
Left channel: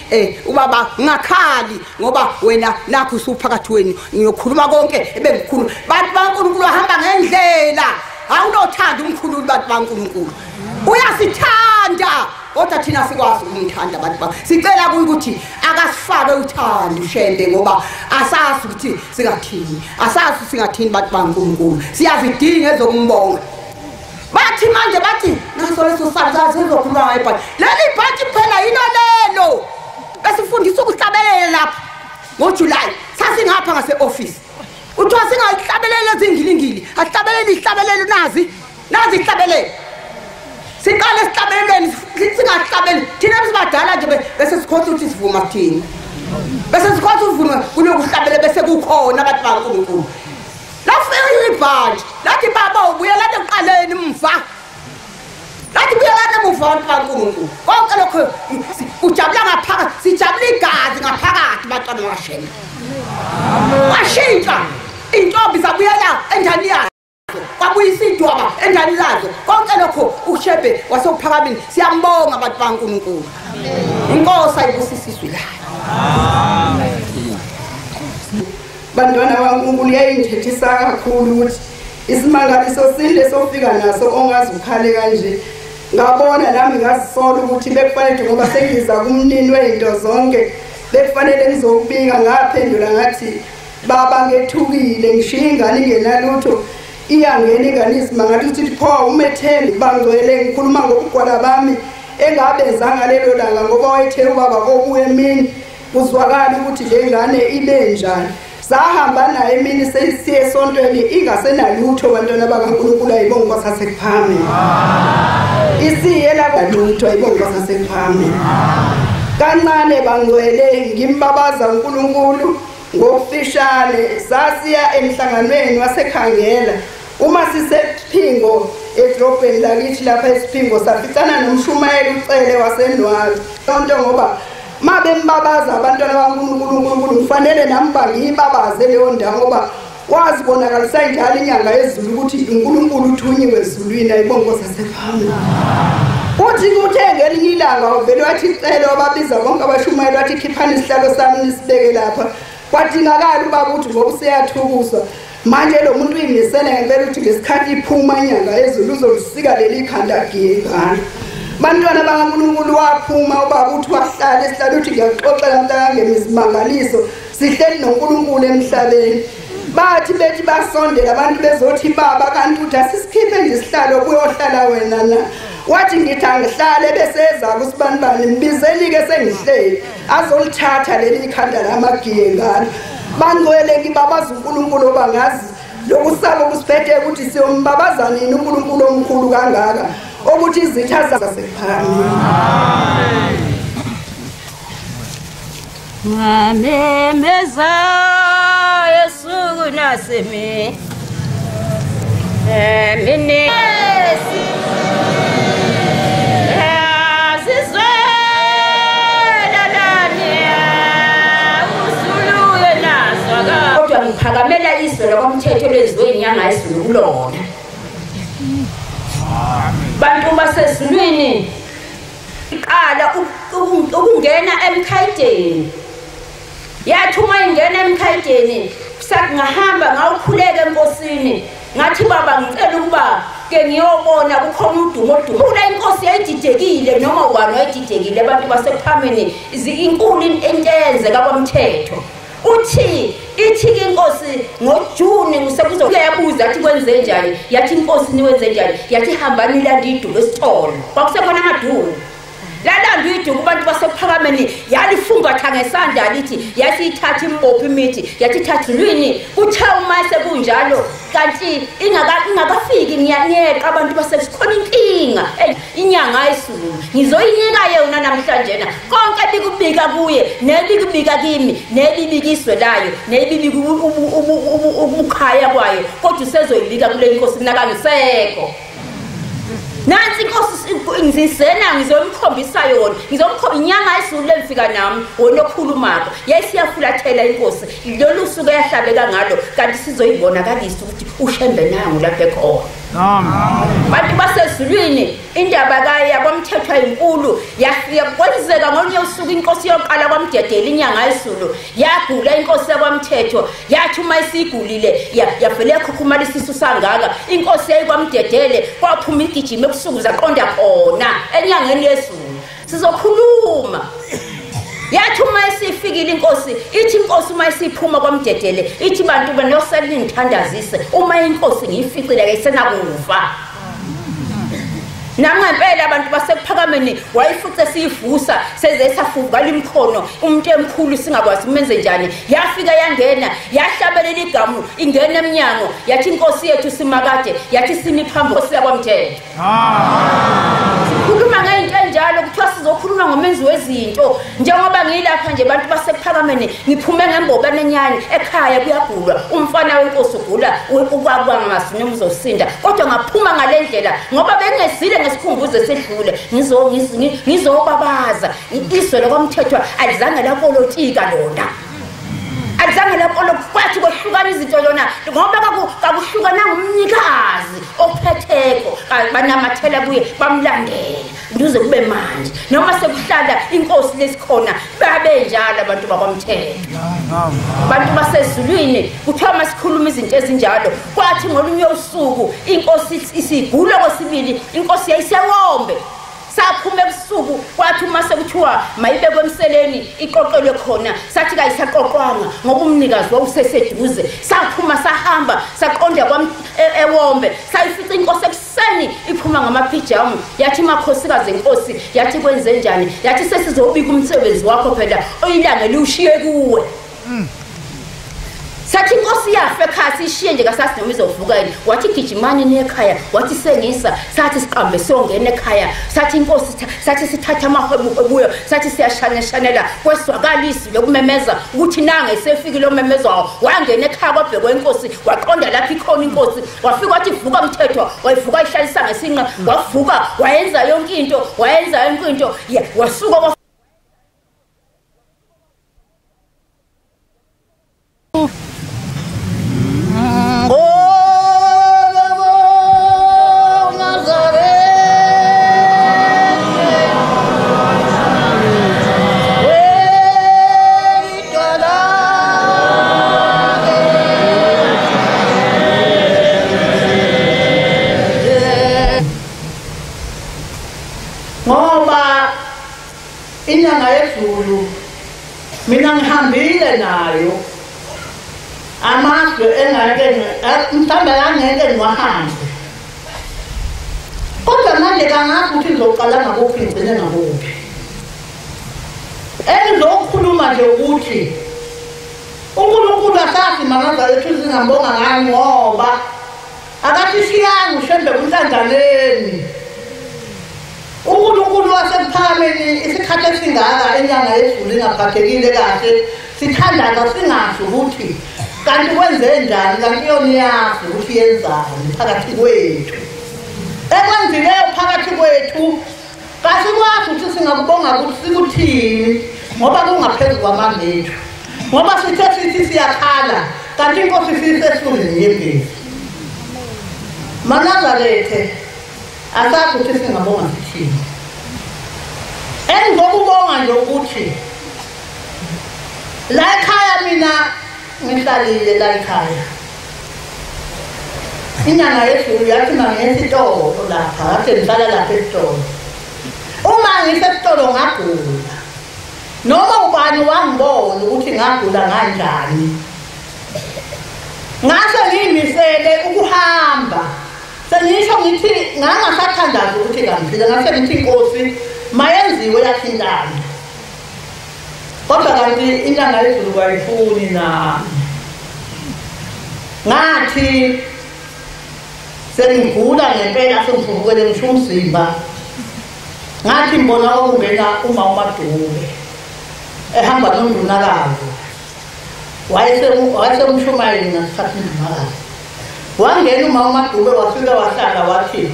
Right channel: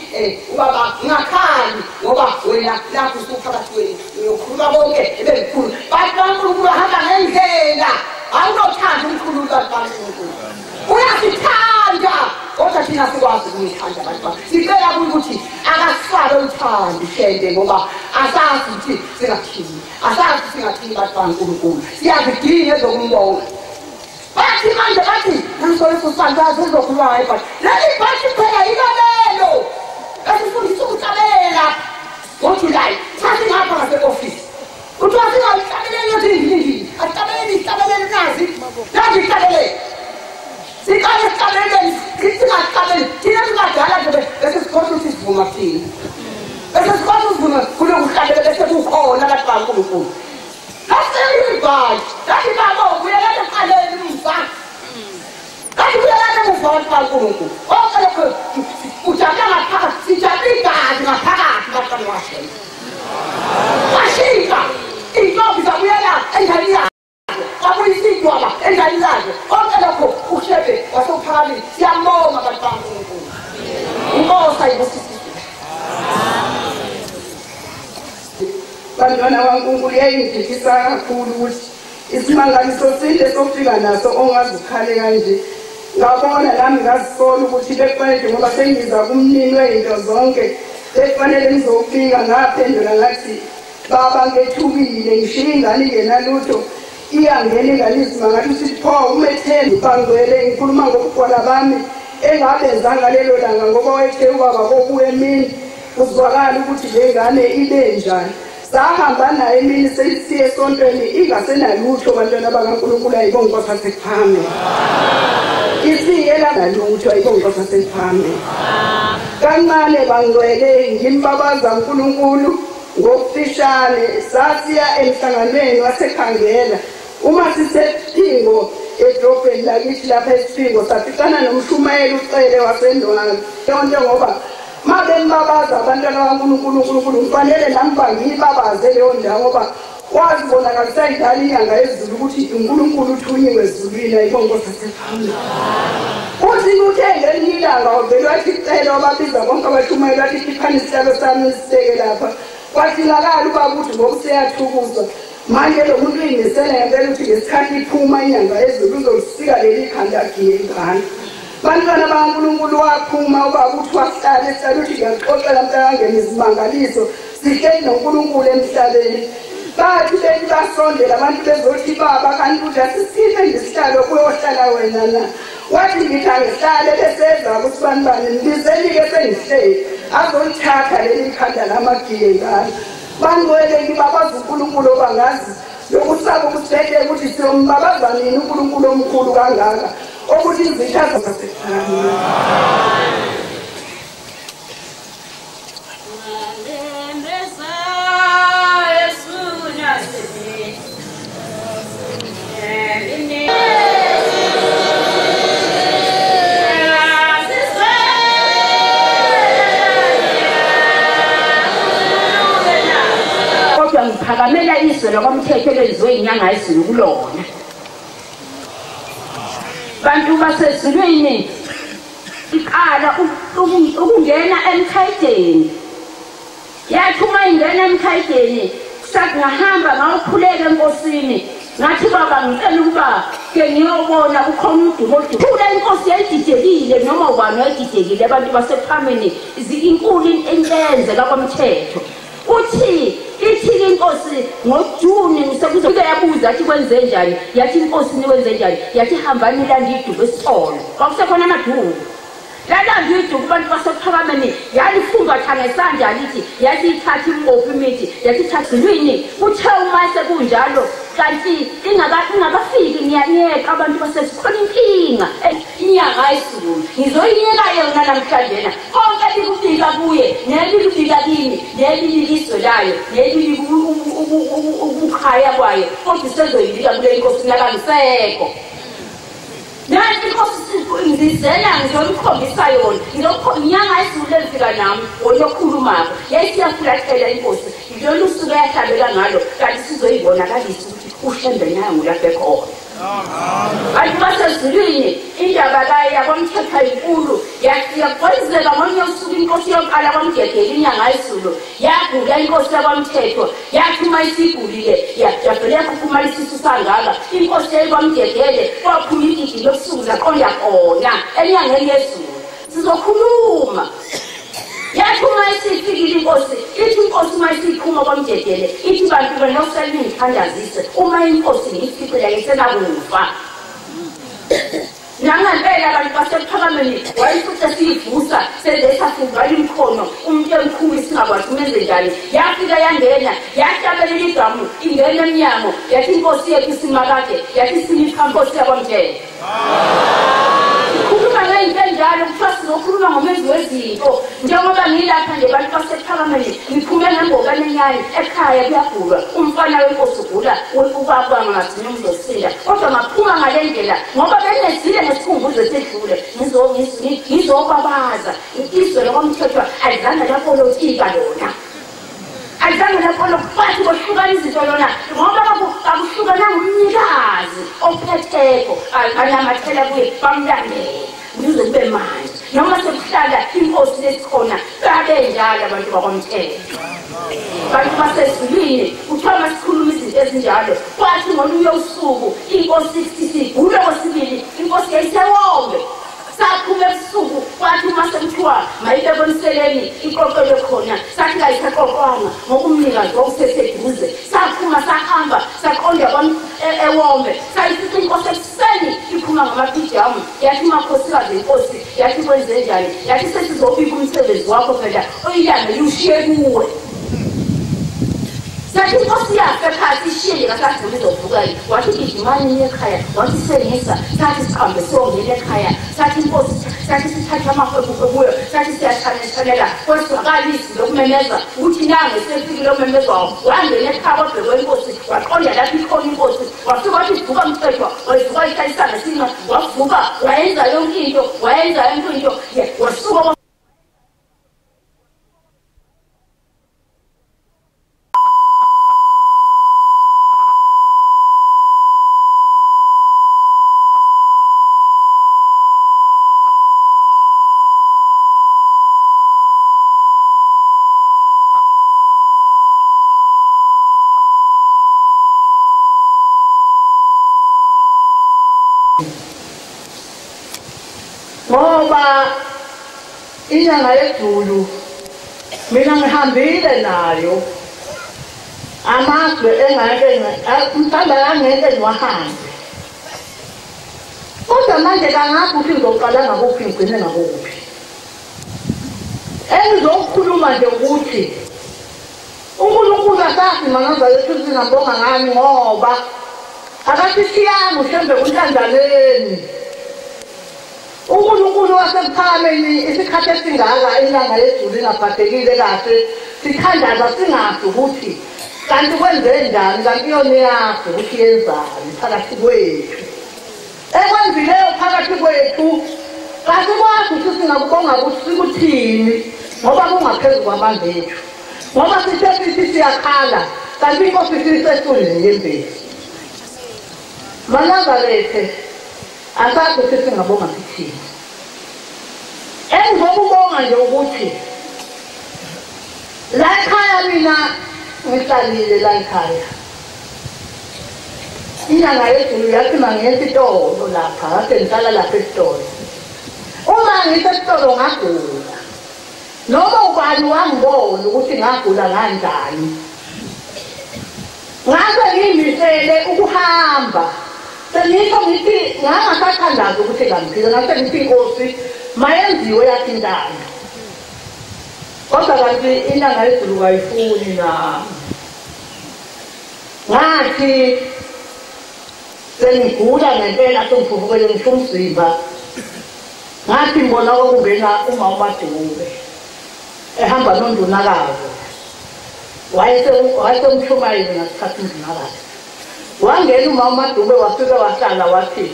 ubaba ngakhali ngoba wena nakho usuphakathi wenu ngiyokhuluma konke ebengikhuluma bantu baNkulunkulu hamba ngendlela awunothanda umkhululi bantu baNkulunkulu uyasithanda kodwa thina sikwazi ukumthanda abantu sicela ukuthi akasifake uthando uShembe ngoba asazi ukuthi singathini bantu baNkulunkulu siyazidinga ezokumbonga bathi manje bathi naso sangazi ezokhuluma ibhathi leli bhathi phela yilolelo besifundisa ukuhlabelela ngoJuly sasingapha ngase-office uthiwa singahlabeleli ezindlingili ahlabeleli nazi ihlabelele siqale sihlabeleleni singahlabeli thina sibadala nje bese sikhotha ukuthi sivuma kuthina bese sikhotha ukuvuma kunokuhlabela bese kukhona abantu baNkulunkulu lafika ibhathi lathi baba ubuyelane eqaleni mva lathi ubuyelane mva baNkulunkulu konke lokho ujabula ngaphakathi sijabula igazi ngaphakathi bantwana bakaShembe washintsha intombi zabuyela enjani yazo kwakuyisidwaba enjani lazo konke lokho uShembe wasophakameni siyambonga abantu baNkulunkulu inkosi ayibusisizwe la bantwana baNkulunkulu yayingithethisa kakhulu ukuthi isimangaliso sinde sofika naso ongazi ukhale kanje ngabona nami ngazisola ukuthi bekufanele ngoba sengiza kumnini wezinto zonke bekufanele ngizokubika ngaphendula ngathi baba ngethukile ngishiya ingane ingenalutho iyangena ingane isimangaliso ukuthi pho umethembi bangcwele ngikhuluma ngokugwala bami engabenzanga lelo langa ngoba wayethe ubaba kokuwe emini kuzwakala ukuthi le ngane ile njani sahamba naye emini sesiye esontweni ingasenalutho bantwana bakaNkulunkulu ayibonga kwasasephame isiye labalutho ayibonga kwasasephame kancane bangcwele ngimbabaza uNkulunkulu ngofishane sasiya emhlanganweni wasekhangela uma sisephingo edrobheni lakithi lapha esiphingo saficana nomshumayeli ucele wasendwalo tonto ngoba mabembabaza abantwana baNkulunkulu kufanele nami bangibabaze leyo ndawo ngoba wazi bonakalisa njalo inyanga yezulu ukuthi uNkulunkulu uthunyiwe ezulwini ayibonga kwasasephambili uthi uthengele ilanga uvele wathi icela wababiza bonke abashumayeli wathi khiphani isihlalo sami nisibeke lapha kwadingakala uba ukuthi ngoba useyathukuza manje lo muntu uyingisele ngempela ukuthi ngesikhathi iphuma inyanga yezulu uzolisika leli khanda ngiyegana bantwana baNkulunkulu waphuma uba uthi wahlala esihlala uthi ngiyaxoxela mntangangeni isimangaliso sihleli noNkulunkulu emhlabeni bathi bethi basondela abantu bezothi baba kanti uthi asisikhiphe nje isihlalo kuyohlala wena na wathi ngithi angihlale beseza kusibanibani mbizeli-ke sengihleli azolithatha leli khanda lamagiyengane bangcwele ngibabaza uNkulunkulu bangazi lokusaba ukusiphethe ukuthi siyombabaza nini uNkulunkulu omkhulu kangaka ukuthi izitha zasephambili ngamemeza Yesu naseme mini ngiphakamela izwe kwamthetho lezwe inyanga ezulu kulona emkhaiteni yathi uma ingena emkhaiteni sakungahamba ngawukhuleka enkosini ngathi baba ngicela ukuba ke ngiyobona kukhona udumo kule inkosi yayididekile noma wani yayididekile abantu basephambili izinkulu entenze kakwamthetho ithi inkosi ngoJuni sekuzoyabuza athi kwenze njani yathi inkosi niwenze njani yathi hambani landidulo sitholo kwakusekhona amadumo landidu kubantu basephalameni yalifungatha ngesandla lithi yathi ithatha impopho imithi yathi thatha lwini uthe uma sekunjalo kanti ingakafiki ngiyanyeka abantu basesikhona inkinga inyanga ayisulu ngizoyinyeka yona namhlanje na konke likubika kuye nelikubika kimi nelibikiswe layo nelibika ukukhaya kwayo kodwa sezoyibika kule inkosi nakangisekho nansi inkosi ngizisena ngizomkhombisa yona ngizomkhomba inyanga ayisulu lefika nami wona okhulumaka yayisiyafulathela inkosi lolu suku yahlabeka ngalo kanti sizoyibonakalisa ukuthi ushembe nangu lapha ekhona bantu basezulwini indaba yakwamthetho enkulu yakwenzeka ngolunye usuku inkosi yoqala kwamdedela inyanga ayisulu yagula inkosi yakwamthetho yathi uma isigulile yavele yakhukhumala isisu sangaka inkosi yayikwamdedele kwaphuma igijima ebusuku zaqonda khona enyangeni yesulu sizokhuluma yathi uma isifikile inkosi ithi inkosi uma isiphuma kwamdedele ithi bantu banosele ngithandazise uma inkosi ngiyificile ayisenakufa nangempela abantu basephakameni wayefuthi siyivusa sezesafuka limkhono umuntu emkhulu singakwazi umenze njani yafika yangena yahlabelela igamu ingena eminyango yathi inkosi yethu simakade yathi simiphambo siyakwamthetho ukhuluma ngento njalo kuthiwa sizokhuluma ngomenzi wezinto njengoba ngilapha nje abantu basephakameni ngiphume ngembokane enyane ekhaya kuyagulwa umfana wenkosi ugula ukwakwa ngasinya uzosinda kodwa ngaphuma ngale ndlela ngoba bengezile nesikhumbuzo esidlule ngizobabaza isizwe lokwamthetho alizange lapolitika lona alizange kwathi kohluka izinto lona ngoba kakuhlukana ngumnikazi ophetheko banamathela kuye bamlandela nduze kube manje noma sekuhlala inkosi lesikhona babe njalo abantu bakwamthetho bantu basezulwini kuthiwa masikhuluma izinto ezinjalo kwathi ngolunye usuku inkosi isigula kwesibili inkosi yayisewombe saphuma ebusuku kwathi uma sekuthiwa mayibekwe emseleni iqoqelwe khona sathi kayisaqoqwanga ngokumnikazi wawuseseduze saphuma sahamba saqonda ewombe sayifica inkosi ekuseni iphuma ngamapijamu yathi makhosikazi enkosi yathi kwenze njani yathi sesizobika umsebenzi wakho phela oyilanga liwushiye kuwe sathi inkosi yafe ekhaya sishiye nje kasasi noma izovuka wathi gijimani nekhaya wathi senisa sathi siqambe siyongena ekhaya sathi inkosi sathi sithatha amahwebu ebuyo sathi siyashaneshanela kweswakalisi lokumemeza ukuthi nange sefikile omemeza wangena ekhaya kwabhekwe inkosi waqonda lapha ikhona inkosi wafika wathi vuka umthetho wayivuka ihlalisa ngesinqa wavuka wayenza yonke into wasuka inyanga yezulu mina ngihambile nayo amazwe mthanda yangeke ngiwahambe kodwa manje kangazi ukuthi ngizoqala ngakuphi ngigcine ngakuphi engizokhuluma nje ukuthi uNkulunkulu akathi mangaza lethu singambonga ngani ngoba akasishiyanga ushembe kuhlandlaleni uNkulunkulu wasephaleni isikhathi esingaka inyanga yezulu ingaphathekile kahle sithandana singazi ukuthi kanti kwenze njani kanti yona iyazi ukuthi yenzani phakathi kwethu ekwenzileyo phakathi kwethu kasikwazi ukuthi singakubonga ukuthi sikuthini ngoba kungaphezulu kwamandla ethu ngoba sithe sithi siyakhala kanti inkosi sisesithunzini yebhesi Manangalethe asazi ukuthi singabonga sithini engizokubonga nje ukuthi la ekhaya mina ngihlalile la ekhaya inyanga yezulu yathi mangesitolo lapha kade ngihlala lapha esitolo uma ngisesitolo ngagula noma ubani wangibona ukuthi ngagula kanjani ngase ngimisele ukuhamba sengisho ngithi ngangasathandazi ukuthi kanti ngase ngithi Nkosi mayenziwe yathi indaba kodwa kanti inyanga yezulu wayifuni nami ngathi sengigula ngempela sengivukele ngisho umzimba ngathi ngibona ungena uma uMaDube ehamba noNdunakazi wayesengumshumayeli ngasikhathi ngimakazi wangena uma uMaDube wafika wahlala wathi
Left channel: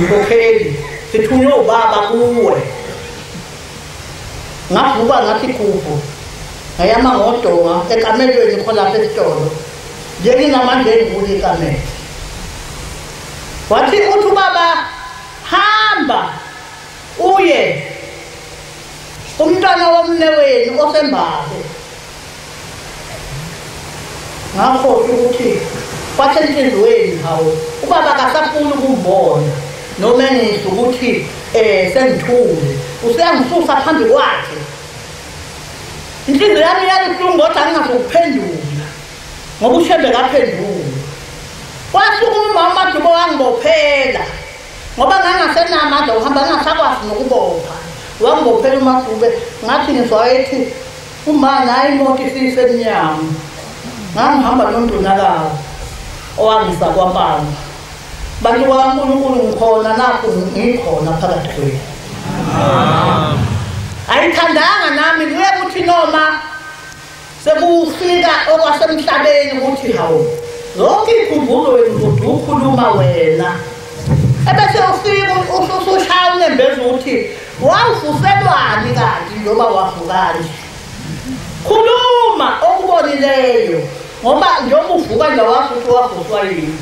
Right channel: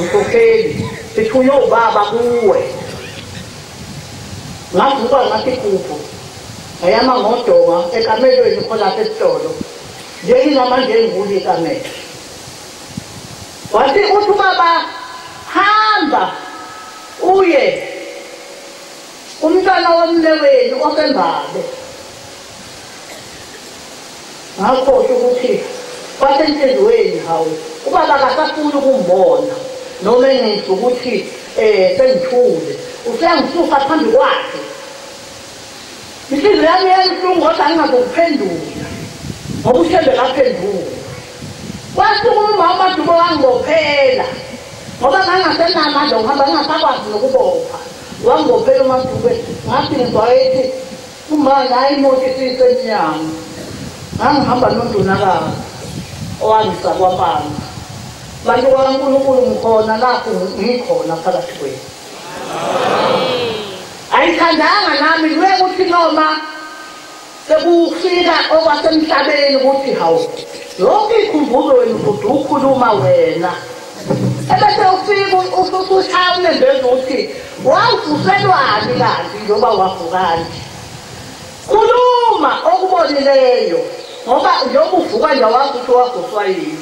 Mkhokheli sithunywe ubaba kuwe ngavuka ngathi kubo ngayama ngodonga ekamelweni khona lapha esitolo njenginamandla engikuthi ekamela wathi uthi ubaba hamba uye umntwana womnewenu osembaze ngakho ukuthi kwasenhlizweni hawo ubaba akasafuni ukumbona noma engizwe ukuthi sengithule useyangisusa phambi kwakhe inhliziyo yami yayibuhlungu kodwa ngingazokuphendula ngoba ushembe kaphendula kwasuka uMaDube wangibophela ngoba ngangasenamandla uhamba ngingasakwazi nokubopha wangibophela uMaDube ngathi ngizwayethi uma nayi imoto isisemnyama ngangihamba noNdunakazi owangisa kwaPamba bantu bakaNkulunkulu ngikhona nakho ngikhona phakathi kwenu ayithandanga nami kuye kuthi noma sekufika okwasemhlabeni ukuthi hawu lonke ikhumbulo ukhuluma wena ebese ufika usushaya nembezi ukuthi wavuselwani kathi noma wavukani khuluma okubonileyo ngoba njengoba uvuka nje wakho ukuthi wavuswa yini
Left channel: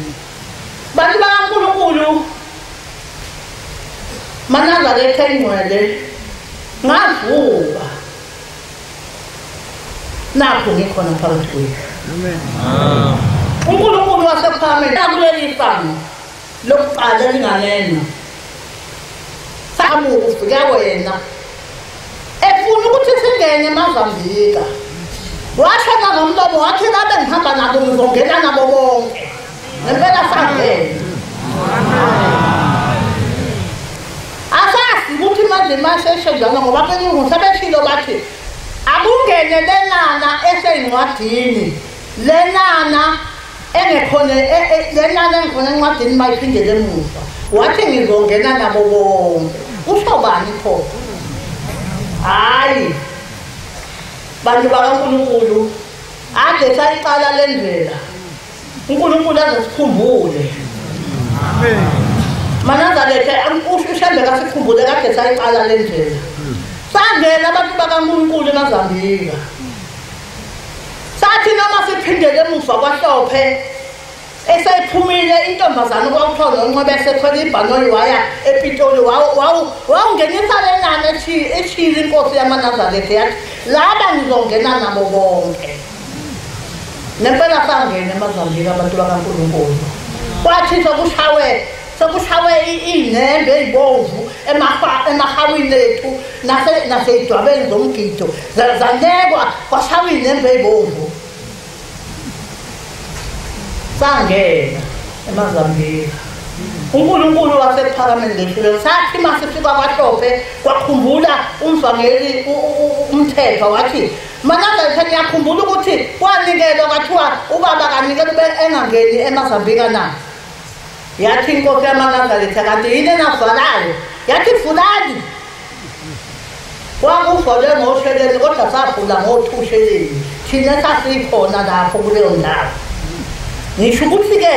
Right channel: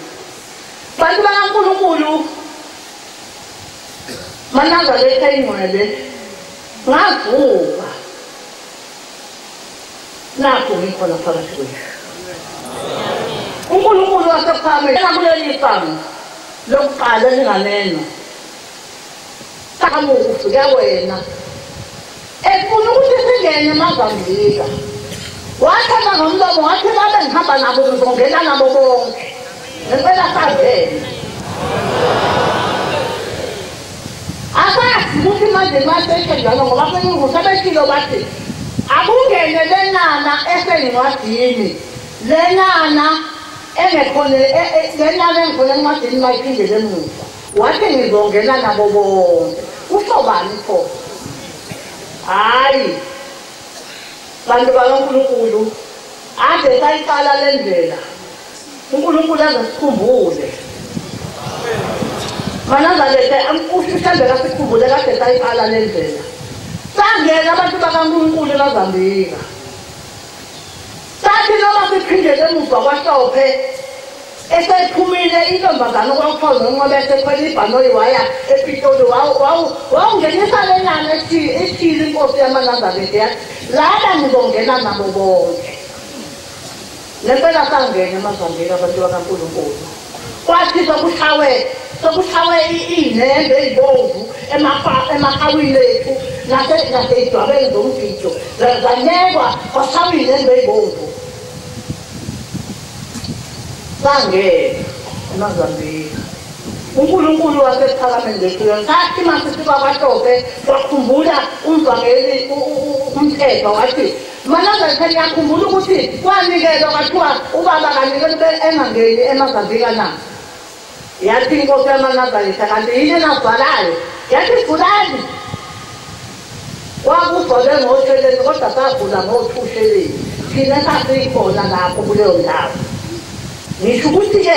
bantu bakaNkulunkulu maNazaretha ingcwele ngavuka nakho ngikhona phakathi kwenu uNkulunkulu wasephameni nakuleli fana lokuqala lingalena samu ufika wena efuna ukuthi singene eMozambika washona ngomlomo wathi ngabe ngihamba nabo ngizongena nabo bonke ngempela sangena asazi ukuthi manje masheshe njalo ngoba benyungu sebeshilo bathi akungene lenana esencwadini lenana engekhona lenana engikhona encwadini mayiphindele emuva wathi ngizongena nabo bonke usho bani pho hayi bantu bakaNkulunkulu ade sayiqala lendlela uNkulunkulu azosikhumbule amen maNazaretha ufishande kasikhumbule kade sayiqala lendlela sangena abantu bakaNkulunkulu kaZambika sathi noma siphindele emuva kwahlophe esayithumile intombazana kwakuthiwa noNcwebe esekhwela ibhanoyi waya ePitoli wawungenisa lenani ethile inkosi yamaNazaretha yathi laba ngizongena nabo bonke nempela sangena eMozambika abantu bakaNkulunkulu kwathi sokushawe iy'nembe ey'bomvu emahawini ethu nasey'dwabeni zomgido zanekwa kwashawe iy'nembe ey'bomvu sangena eMozambika uNkulunkulu wasephakameni leshilo sathi masisuka kwahlophe kwakhumbula umvangeli umthetho wathi maNazaretha ngiyakhumbula ukuthi kwanikezwa kwathiwa ubaba kanikeze engangeni eMozambika na yathi inkosi yamaNazaretha kanti yini enavalayo yathi fulani wakuvole ngosheleni kodwa savula ngothusheleni thina sasikhona lapho kuleyo ndawo ngisho ukuthi-ke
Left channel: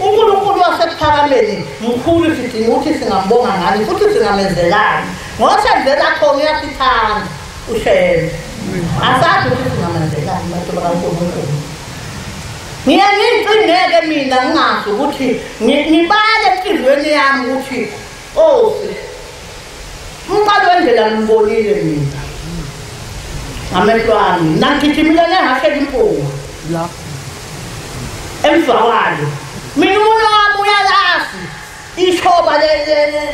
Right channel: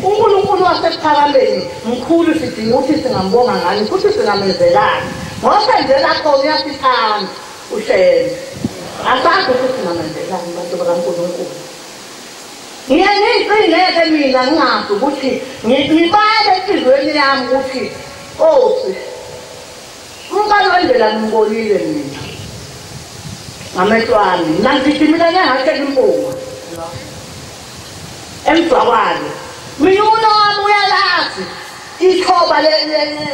uNkulunkulu wasephakameni mkhulu sidinga ukuthi singambonga ngani futhi singamenzelani ngosenzela khona uyasithanda ushele asazi ukuthi singamenzelani bantu bakaNkulunkulu ngiyengiyingcineke mina ngingazi ukuthi ngibale enhliziyweni yami ukuthi umqalo wendlela ngimbonile mina amehlwane nangigijimile ngehashe impunga emswawayo mina umuntu wami uyalazi ishoba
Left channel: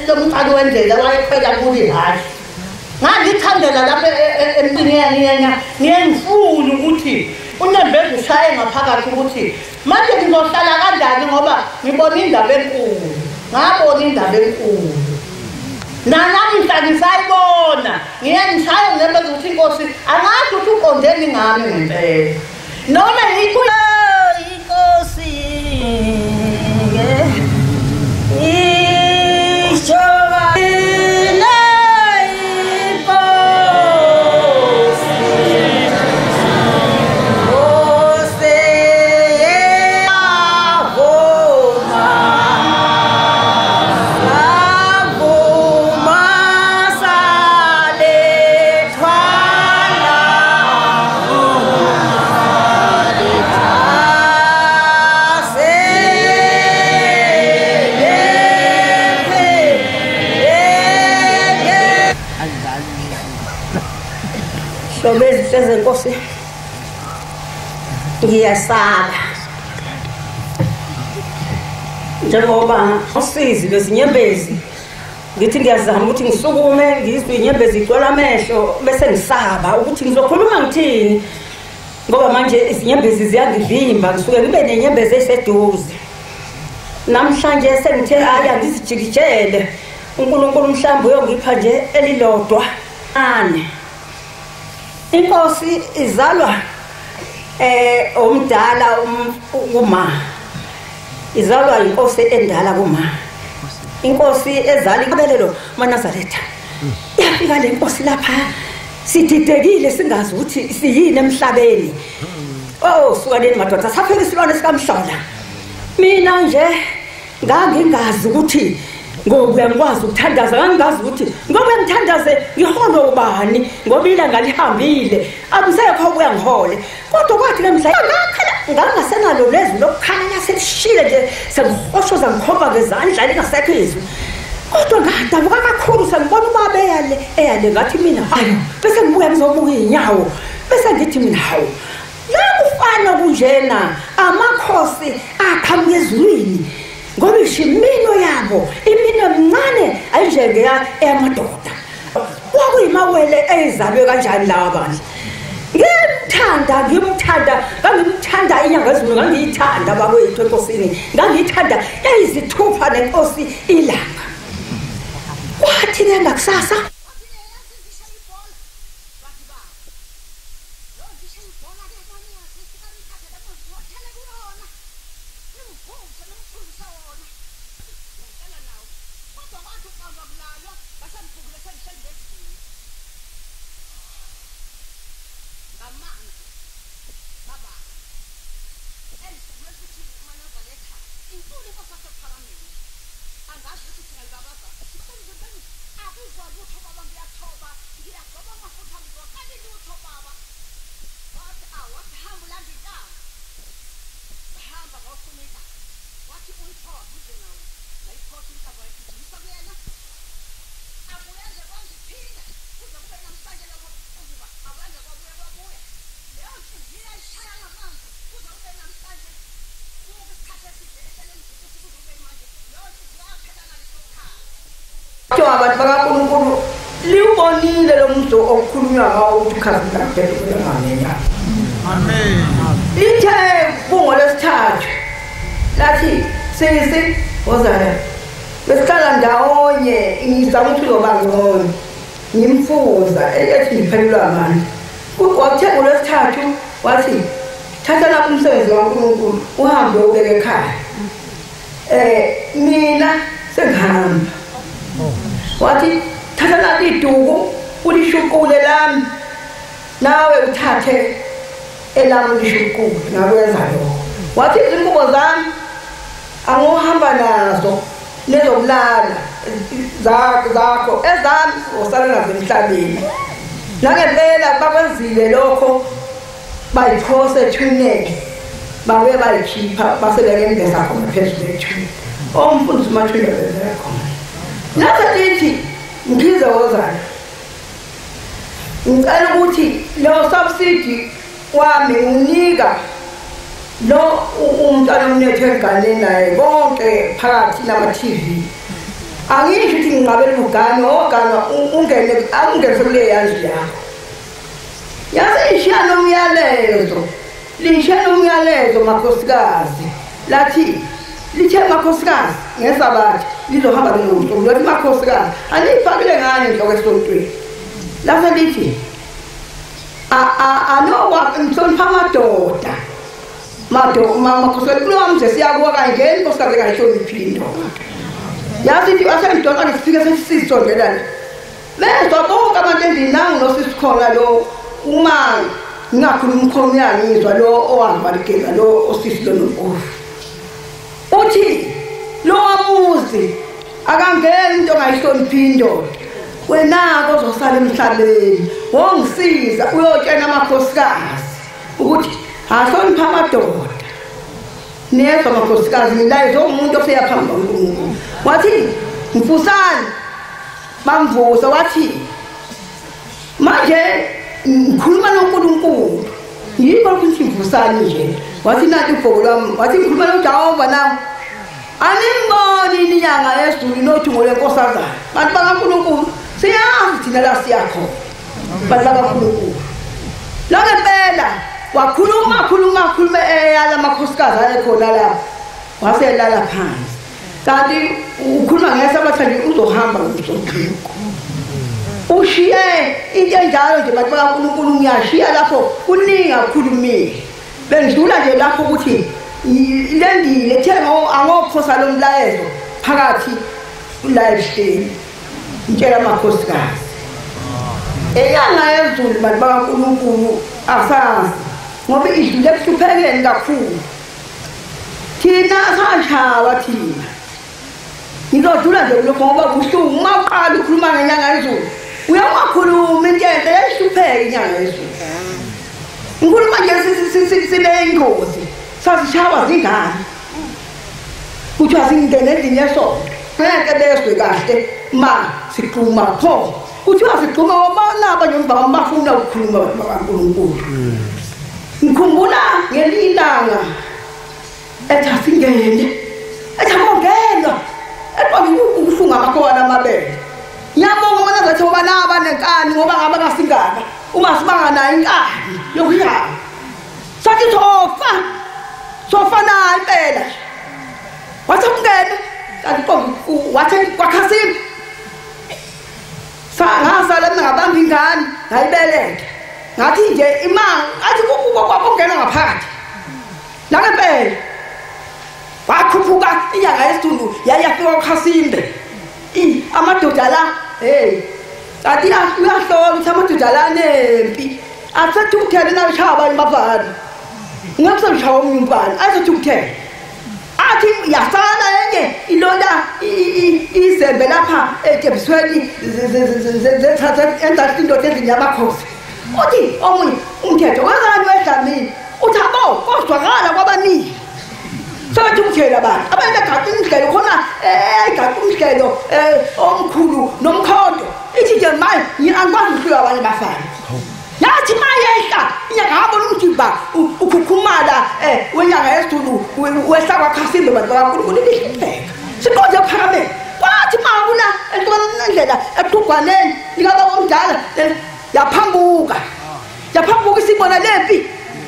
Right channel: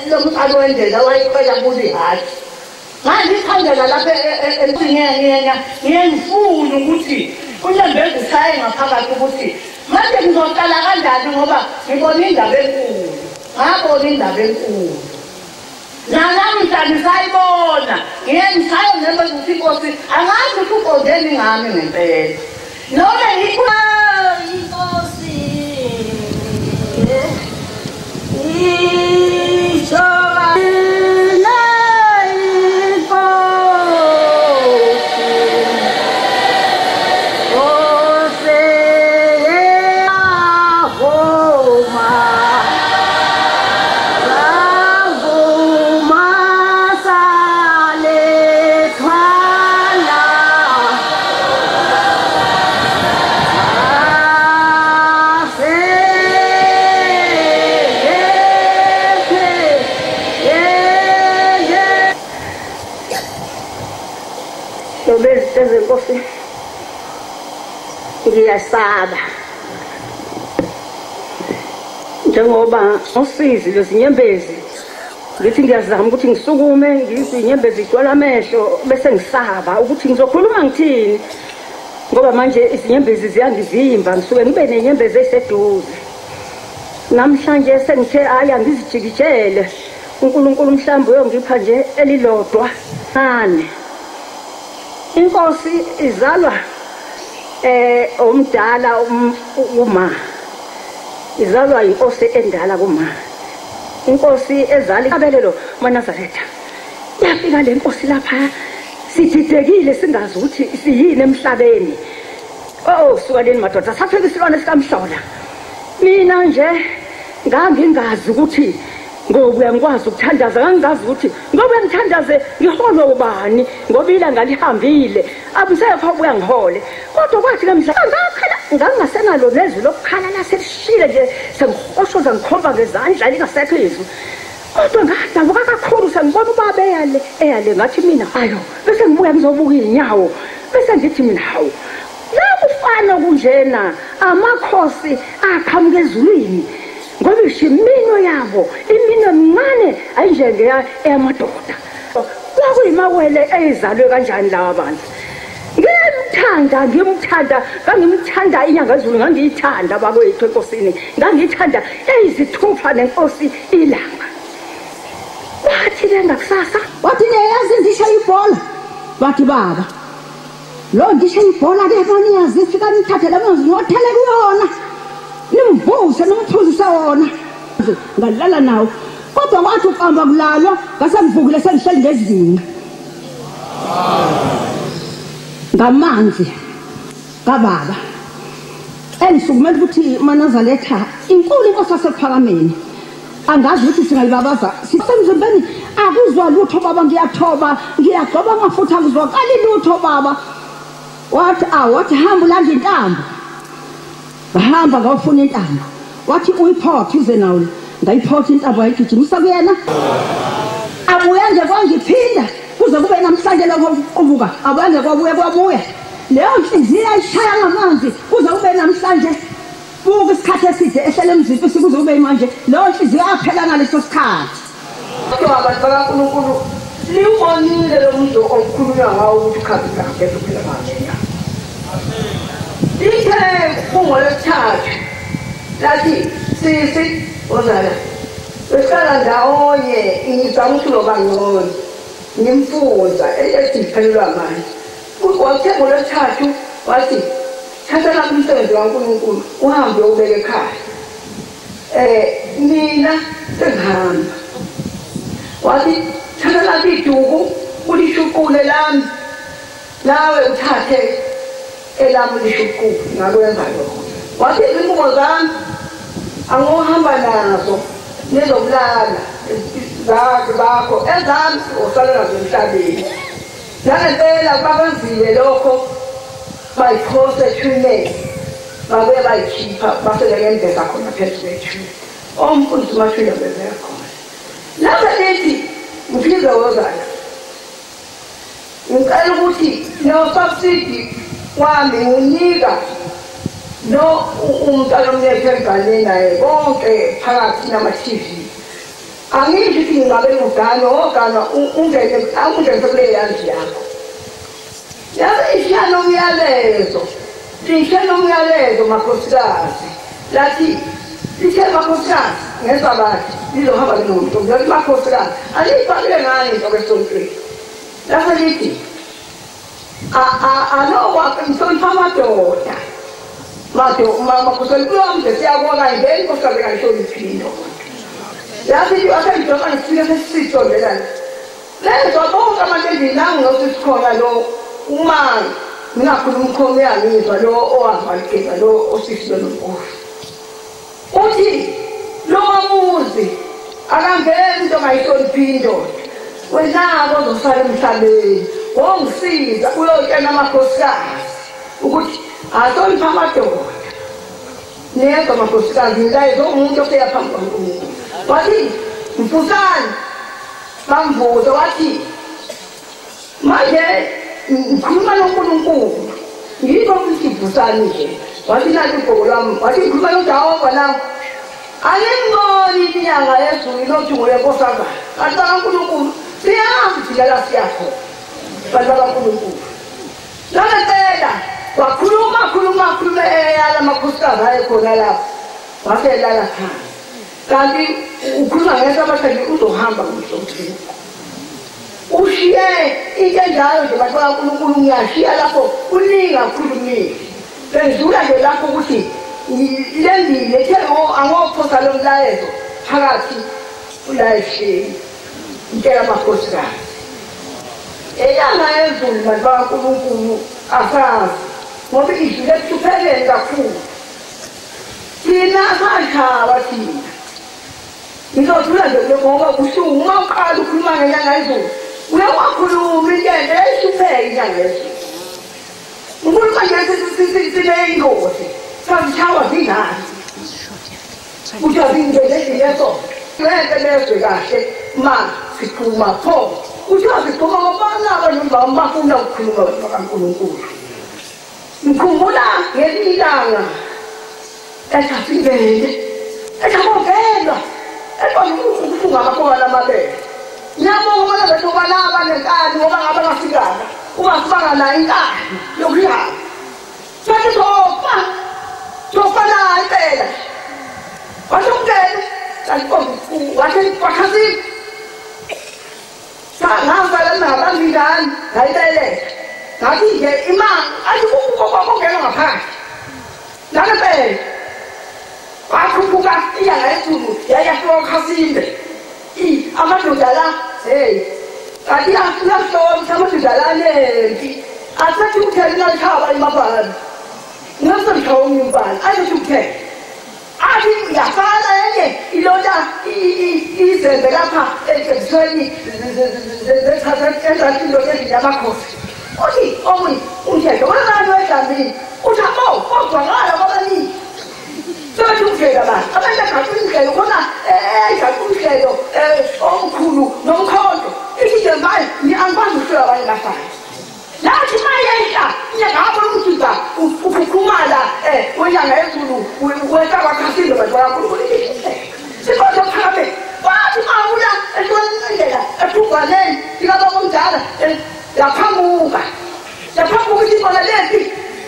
lomthali wendlela wayiqeda kuthi hayi ngangithandela lapha empini ngiyengifuna ukuthi unembezi ishaye ngaphakathi ukuthi manje ngizohlala kanjani ngoba ngibona indaba enkulu ngabona indaba enkulu namhla ngisayibona ngiyengishaya noma ukuthi inkosi angazi ukuthi uqondeni ngami ngempela noma inkosi ngiyasala njengoba usizi bezinyembezi ngithi ngiyazama ukuthi ngisukume ngizwe inyembezi igcwala amehlo bese ngisaba ukuthi ngizokhuluma ngithini ngoba manje izinyembezi ziyangivimba ngisuke ngibe nenyembezi eseduze namhlanje sengithe hayi angizijikijele uNkulunkulu mhlawumbe uyongipha nje elilodwa inkosi izalwa omdala uma izalwa inkosi endala kuma inkosi ezala inkabelelo maNazaretha yafika le nkosi lapha sididekile singazi ukuthi siyini emhlabeni siwaleni madoda safika isilwane sikamhlola mina nje ngangingazi ukuthi ngoba ngikwazi ukuthandaza ngangazi ukuthi ngoba ngithandaze ngiholo ubani ngoba ilanga lihambile amsekho kuyangihole kodwa kwathi lemhla ngangasenalo lezwi lokukhala sesishile nje sengihoshoza ngikhoba ngezandla lingasekho izwi kodwa ngadabuka kakhulu sengibona ubaba eyale ngathi mina hayo bese ngibuya ngizobuka inyawo bese ngithi mina hawo yakufana kunjena amakhosi aqhamuka ezulwini ngoba ishimino yabo imino emncane ayinjengela eyamadoda kwakuyimawele ezalwe kanjani lawa bandla ngimthanda inyanga ezulu ngangiyithanda babethu enkosini ngangiyithanda eyizithupha nenkosi ilanga wathi lena kusasa wathi neyazi ndisha ibhola wathi baba lo ndisha ibhola ke maniyazi fika nithathe lamanzi ngothele kuyona nimbuze nomphuzise wona ngalala nawo kodwa wathi uqamba kulalwa ngasengivukile sengihleli ngezinga ngamanzi kababa engisukumela ukuthi maNazaretha inkulu inkosi yasephakameni angazi ukuthi singalibabaza sisemzimbeni akuzwa lutho baba ngiyathoba ngiyagcoba ngafutha kuzwakala lutho baba wathi hamba ulanda intambo bahamba ngawufuna intambo wathi uyiphothe uze nawo ngayiphotha intambo ayigijimisa kuyena abuya nje kwangiphinda kuze kube namhlanje lokho uvuka abange kwabuya leyo nhliziyo ayishaya ngamanzi kuze kube namhlanje buka isikhathi eside ehlele emzimba sikuze kube manje leyo nhliziyo yaphela ngaleso sikhathi abantu bakaNkulunkulu libonile lo muntu okhulunywa ngawo ukuthi khathi manje amen ithe ungolesithathu lathi sisi wozala besikhala ndawonye ngizama ukuthi ngobangcono ngimfuza ethi ngiphelelwa amandla kwathe ngolesithathu wathi thatha lapho umsebenzi kaNkulunkulu uhambe ubeke ekhaya mina sengihamba wathi thatha lapho iduku ulishukule lami nawe uthathe elami lishukule ngakwenza lokho wathi izingubo zami angohamba nazo nezokulala zakho ezami usale nazo emhlabeni nangempela bakwenzile lokho bayiphose ethuneni bake bayikhipha baselele khona phezulu ethuneni omfundisi mathule bezekho lapha lithi ngizowozana ngicela ukuthi lo subsidy wami unika lo umntwana onethe ngane naye konke phakathi nama-TV angisho ngabe lugana ogana ungene angezole yazi yakho yazi ishana umyalezo lishana umyalezo makhosikazi lathi lithe makhosikazi ngezwa bathi lizohamba lemuntu ngathi makhosikazi alifakile ngani ngokwesontweni lapho lithi alowa mhlonipha amadoda makhosikazi kulo mje siyabona ngeni nkosikazi engayihloniphile indoda yazi asengidoda nifike sesisizongelana bezwa bonke abantu endinami nosisikhona lo uma ngingakhuluma umkhono yami ngizwa lo owavalekela lo osisi lo nompofu uthi lo muzi akangeni into ongayihloniphi indoda wenako ozosala emhlabeni wongisiza uyotshela amakhosikazi ukuthi ahlonipha amadoda nezwa amakhosikazi milayezo umuntu ofika phambi kwaNkulunkulu wathi mfusane bamvuza wathi manje ngikhuluma noNkulunkulu yikho ukuthi mvusane nje wathi nali ibhuku lami wathi ngikhuluma noJehova nawe aningiboni inyanga yezulu nothungo lenkosazana bantu bakaNkulunkulu siyazi thina la siyakho bantu bakaNkulunkulu lokho impela wakhuluma eyala amakhosikazi ayekhona lapho waselala phansi kanti ukhuluma ngesabathandi uzohamba kuzothiko ushiye into enjalo nje bantu bakaNkulunkulu ngiyashiya lapho kuninga ukukhulumile bendlula nje lapho ukuthi lendile ethe angokuphosa lo mlayezo phakathi ulayishini intshela amakhosikazi eyanga yezulu bantu bakaNkulunkulu asazi ngoba idlule ekuhluphekeni kakhulu thina sashaba thina ngizodlula nje ngoba kubuhlungu uma uqala ukhuluma ngenyanga yezulu uyawakhuluma intshele ehlupheke inyanga yezulu ukhuluma nje sineyingozi sasishaba zingane kuthiwa zingene ezinye sonto ngeke bezwe kahle ma sikhuluma pho kuthiwa sikhuluma ngobana abanye bafuna ukukhuluma noNkulunkulu ngikhumbula ngelilanga ethasingene ethamongelwa ukufunga ngakhona amabele ngiyabonga bona ngathi ubalaba nenkani ngoba ngabe basingana ungasibanga nayo inkani yokuhlala sathi sofana impela wathi umngene kanti wathi kwakhasini sangasala nabantu ingane ngayibeletha ngathi nje imanga athi kwakongena ngaphakathi nakempela wakhuphuka inyanga yezulu yayafika kwaKhasimbe amadoda la kanti uyahlola ukuthi amadoda la nempi athathukuthele nashaba emabhani ngiyasonshaba umntwana athathukuthele athi yasala enye ilona izembe lapha ekebisweni enzathi indoda ezinyamakhosi uthi omunye umthetho wezani wedlamini uthi abo kodwakala kwabaningi sobathi umthetho abantu abengagaqi umhlelo khona gaqi umhlelo omkhulu nomkhodo ithi nje manje angikwazi ukufika abanye bafana yathi mayeka inyangabona ukuthi ba ukhukhumala wenyanga yezulu wesaka kwaKhasimbe bantu bakaNkulunkulu sikhonze phakathi wathi mabula entondlela eqhugwaneni ilaba omdala yaphambuka sibona lempi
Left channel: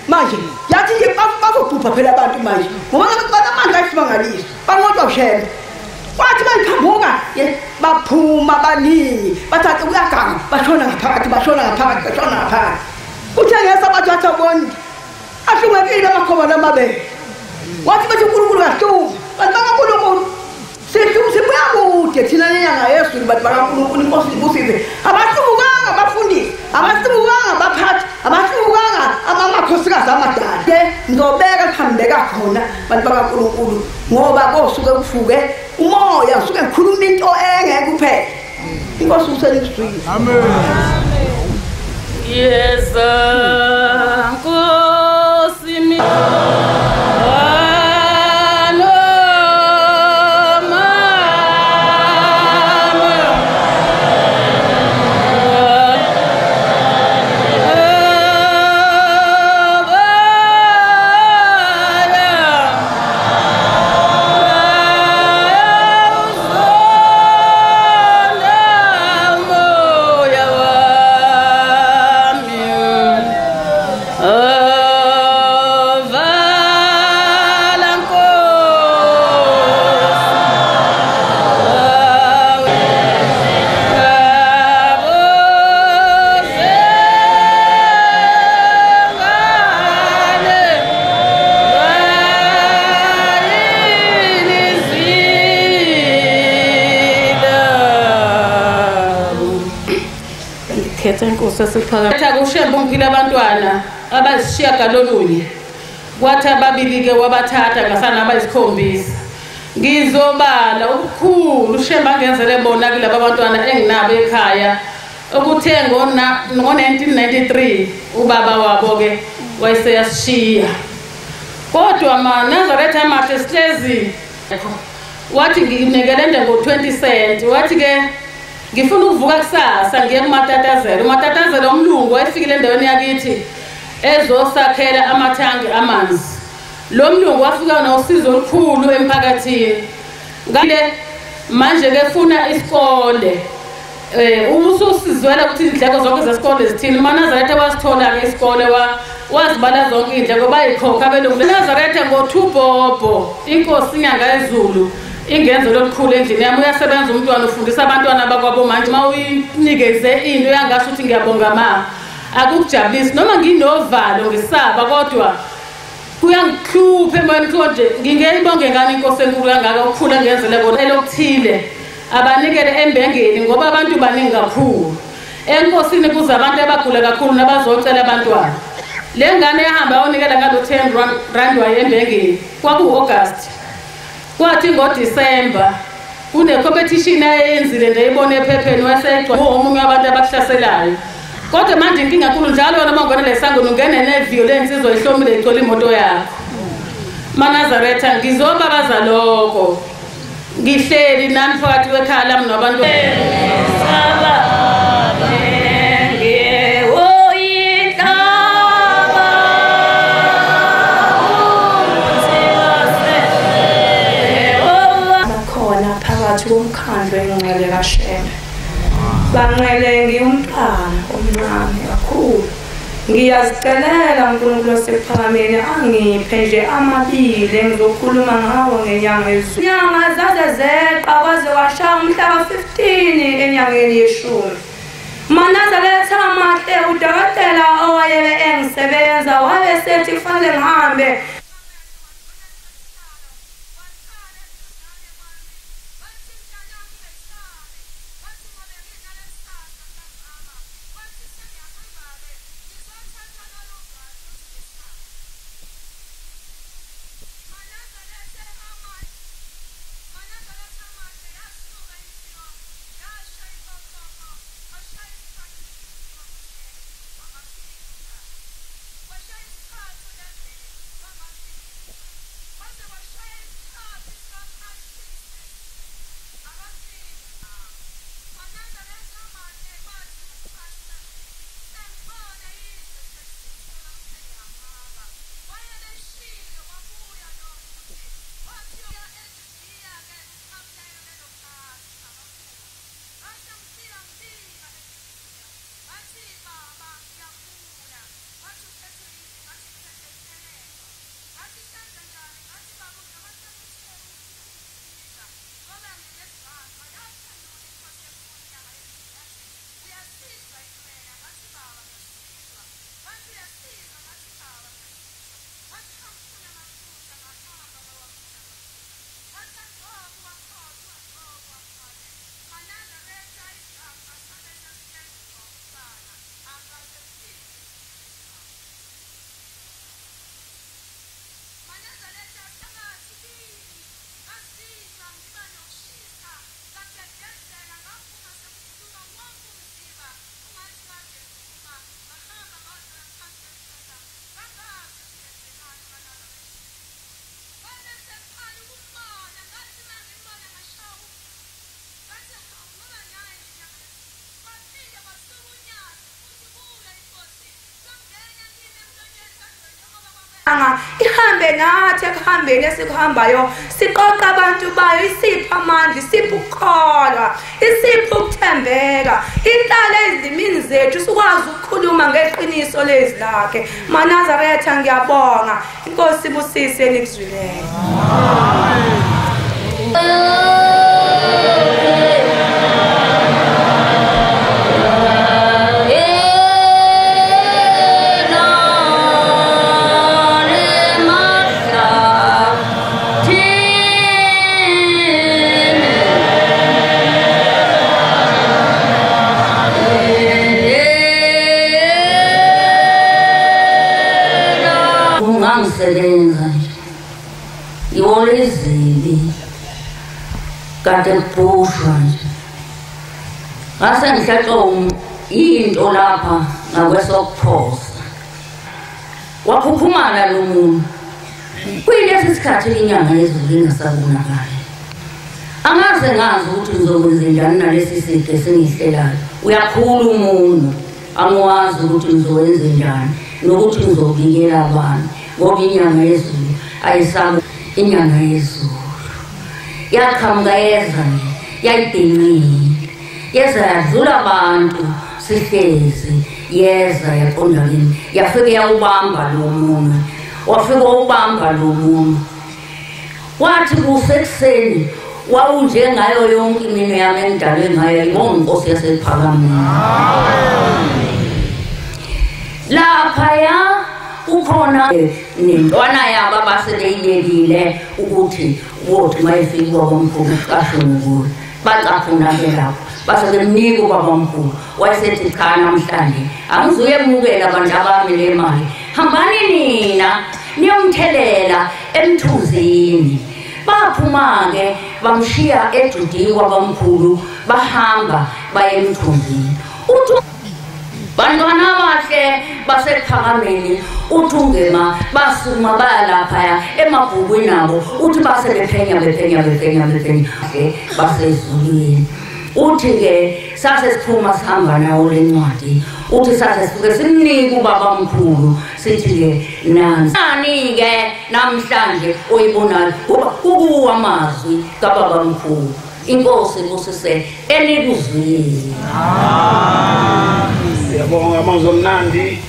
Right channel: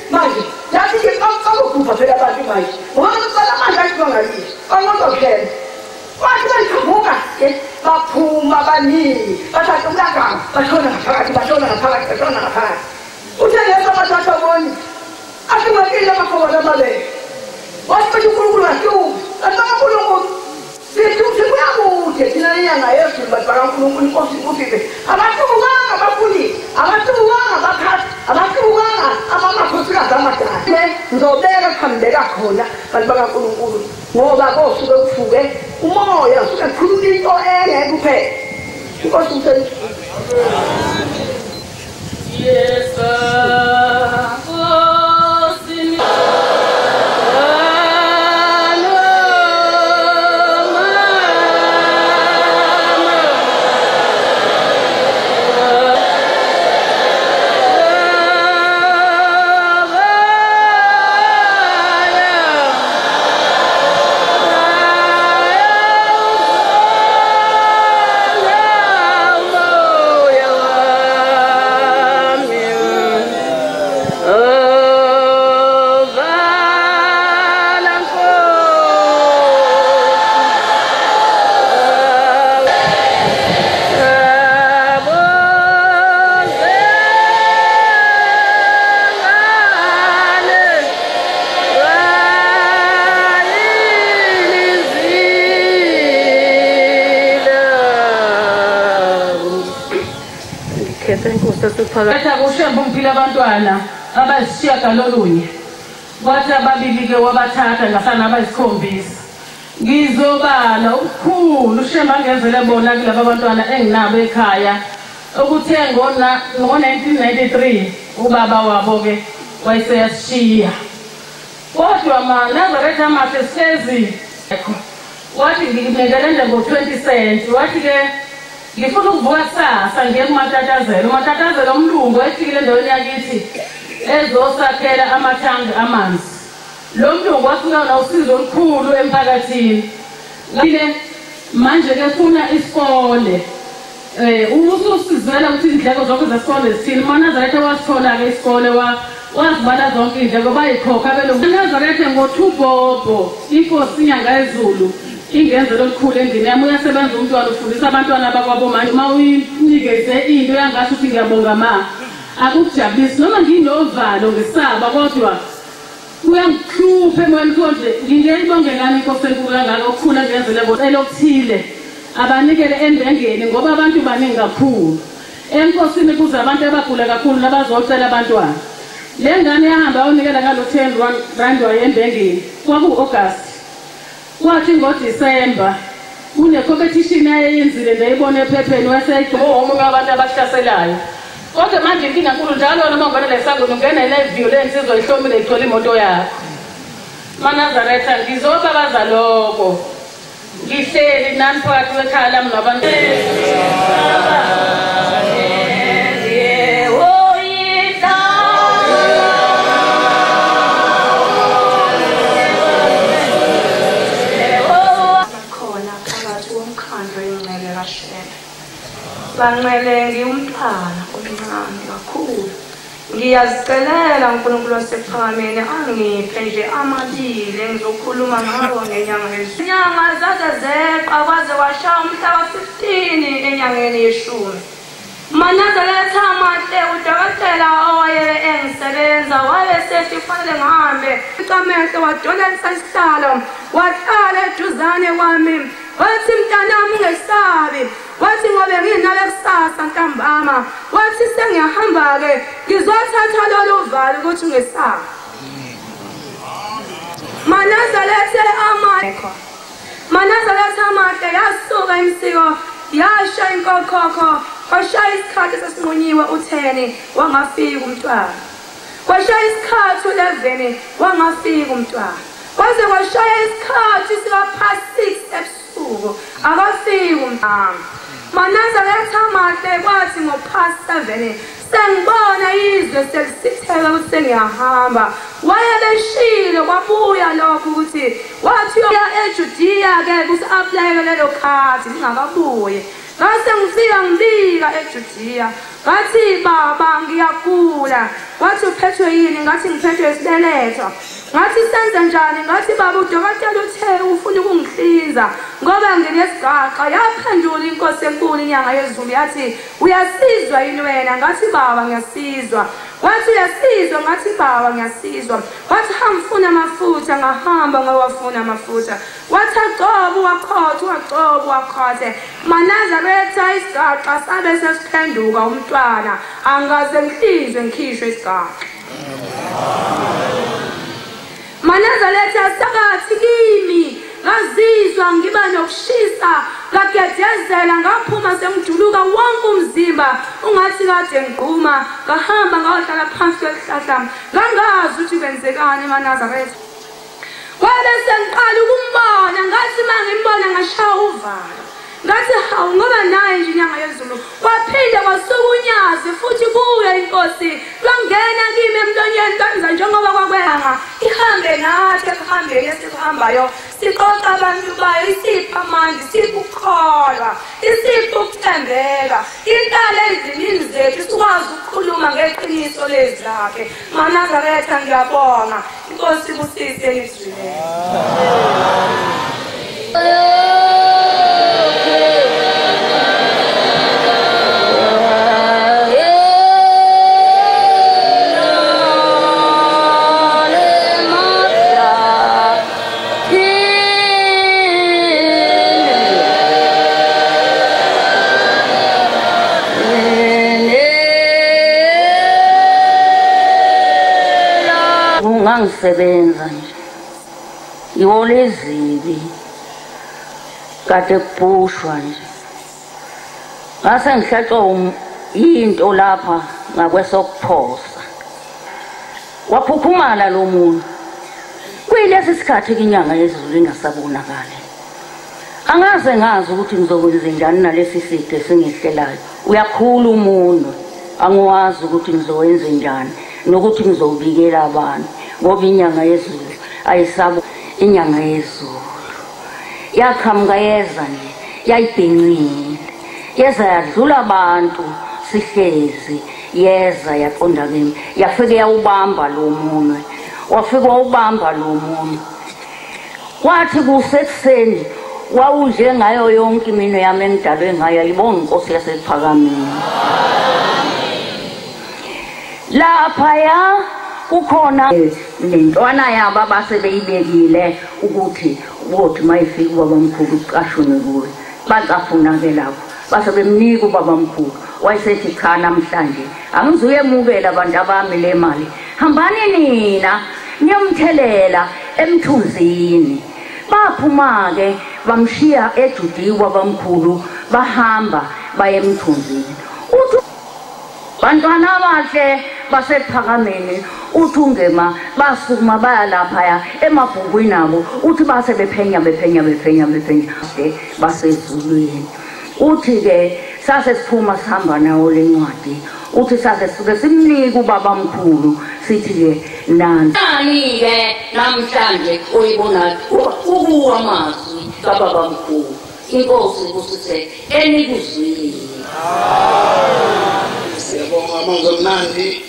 manje yathi nje bakubhubha phela abantu manje ngoba banamandla asibangalile bangodoshela wathi baphambuka baphuma baningi bathatha ulagama bashona ngaphakathi uthe ngesabathu athoboni ahlumekile amakhona amabele wathi bathi uNkulunkulu ngahluma bantu bakaNkulunkulu sibuya kude thina nenyanga yezulu bantu bakaNkulunkulu inkosi ibusile abahlukanga abafuni abahlukanga baphathi abahlukanga amakhosikazi amadade ngizobeka kuhambeka khona bantu bakaNkulunkulu ngoba kosuke kufuke umoya usuke khuluma into engeke kuphela inkosi usenisizwe amen yes sesiphakathi akushemba umpila abantwana abasishiyagalolunye kwathi ababili-ke wabathatha ngasana abayisikhombisa ngizobala ukukhulu ushemba angenzele bona kulaba abantwana enginabo ekhaya okuthe ngo-1993 ubaba wabo-ke wayeseyasishiya kodwa maNazaretha amahle sihlezi wathi nginekelende ngo-20 cent wathi-ke ngifuna ukuvuka kusasa ngiye kumatatazelo umatatazelo umlungu wayefikile endaweni yakithi ezosakhela amathangi amanzi lo mlungu wafika nosizo olukhulu emphakathini ngale manje-ke funa isikole ususizwela ukuthi izindleko zonke zesikole zithile umaNazaretha wasithola-ke isikole wazibala zonke iy'ndleko bayikhokha abelungu Nazaretha ngo-2 Bhobho inkosi inyanga yezulu ingenzo lokukhulu endlini yami uyasebenza umntwana ufundisa abantwana bakwabo manje uma uyinikeze into uyangasho ukuthi ngiyabonga ma akukujabulisi noma nginovalo ngisaba kodwa kuyangihlupha emoyeni konje ngingeyibongekani inkosi enkulu kangaka okukhulu angenzele kodwa okuthile abanikele embengeni ngoba abantu baningi kakhulu enkosini kuza abantu abagula kakhulu nabazocela abantwana le ngane ehamba onikela ngalo 10 rand wayembengeni kwaku-August kwathi ngoDisemba kune-competition ayenzile neyibona ephepheni wasecwa omunye abantu abashaselayo kodwa manje inkinga khulu njalo noma ubona lesangweni ungene ne-violence izoyihlomile ithole imoto yakho maNazaretha ngizobabaza lokho ngihleli nani phakathi kwekhaya lami nabantu banqele ngiyumntwana omncane kakhulu ngiyazicelela uNkulunkulu osephakameni angiphe nje amabili engizokhuluma ngabo ngenyanga yezulu inyanga zaze zeqa kwaze washaya umhla wa-15 enyangeni yeshumi maNazaretha amahle udokotela owayebe engisebenza wayesethi kufanele ngihambe icamehlo wadonalisa isihlalo wahlala eduzane kwami wathi mntanami ungesabi wathi ngobe nginale kusasa ntambama wathi sengiyahamba-ke ngizothatha lolu valo ukuthi ungesabi maNazaretha amahle yasuka imsiko yasha inkokhokho kwashaya isikhathi sesinqunyiwe u-10 wangafika umntwana kwashaya isikhathi u-11 wangafika umntwana kwaze kwashaya isikhathi sika-6 ebusuku akafiki umntwana maNazaretha amahle kwathi ngo-7 sengibona izwe selisitheka ukuthi sengiyahamba wayebeshile kwabuya lokho ukuthi wathi uya eJudiya-ke kusi-aplayeke lelo khathi lingakabuye ngase ngifika ngibika eJudiya ngathi baba ngiyagula wathi uphethwe yini ngathi ngiphethwe isibeletho ngathi senze njani ngathi baba udokotela uthe ufuna ukungihlinza ngoba nginesigaqa yaphendula inkosi enkulu inyanga yezulu yathi uyasizwa yini wena ngathi baba ngiyasizwa wathi uyasizwa ngathi baba ngiyasizwa wathi hambufuna amafutha ngahamba ngawafuna amafutha wathi agcoba wakhotha agcoba wakhothe maNazaretha isigaqa sabe sesiphenduka umntwana angaze ngihlinzwe ngikhishwe isigaqa maNazaretha sakathi kimi ngazizwa ngiba nokushisa ngagedezela ngaphuma sengijuluka wonke umzimba ungathi kade ngigquma ngahamba ngayohlala phansi kwesihlahla ngangazi ukuthi kwenzekani maNazaretha wabe sengiqala ukumbona ngathi uma ngimbona ngashaya uvalo ngathi hawu ngoba naye nje inyanga yezulu kwaphinde kwasukunyaze futhi kuye inkosi lwangena kimi emlonyeni lwenza njengoba kwakwenga ihambe nathi ekuhambeni esikuhambayo siqoqa abantu bayo isipha amandla isipha ukukholwa isipha ukuthembeka intala ezimini zethu sikwazi ukukhuluma ngeqiniso lezi lakhe maNazaretha ngiyabonga inkosi busise elikuzwileyo mangisebenza nje ihora ezibi kade kubushwa nje ngase ngihlaxo into lapha ngakwesokuphosa waphuphumala lo muntu kuyilesi sikhathi inyanga yezulu ingasabonakali angaze ngazi ukuthi ngizokwenza njani nalesi sithe sengihlelayo uyakhula umuntu angwazi ukuthi ngizokwenza njani nokuthi ngizowulikela abantu ngoba inyanga yezulu ayisabo inyanga yezulu yakhamka yeza nje yayidinqile yeza yadlula abantu sihlezi yeza yaqonda kimi yafika yawubamba lo muntu wafika ubamba lo muntu wathi kusekuseni wawudle ngayo yonke imino yami engidalwe ngayo yibona inkosi yasephakameni laphaya ukhona nentwana yabo abasebeyibekile ukuthi mayifika ubabamkhulu uqashwe kuyo bacafuna ke lapho basebemnika ubabamkhulu wayesethi cha namhlanje angizuyemukela abantu abami le mali hambani nina niyomthelela emthunzini baphuma-ke bamshiya ejudiyi kwabamkhulu bahamba baye emthunzini bantwana bakhe basephakameni uthi ungema basukuma baya laphaya emabhukwini abo uthi base bephenya basezulwini uthi-ke sase siphuma sihamba nawo le ncwadi uthi sase sike simnike ubabamkhulu sithi-ke nani-ke namhlanje oyibonayo kukuwa amazwi kababamkhulu inkosi kusise elikuzwile siyabonga bangomnandi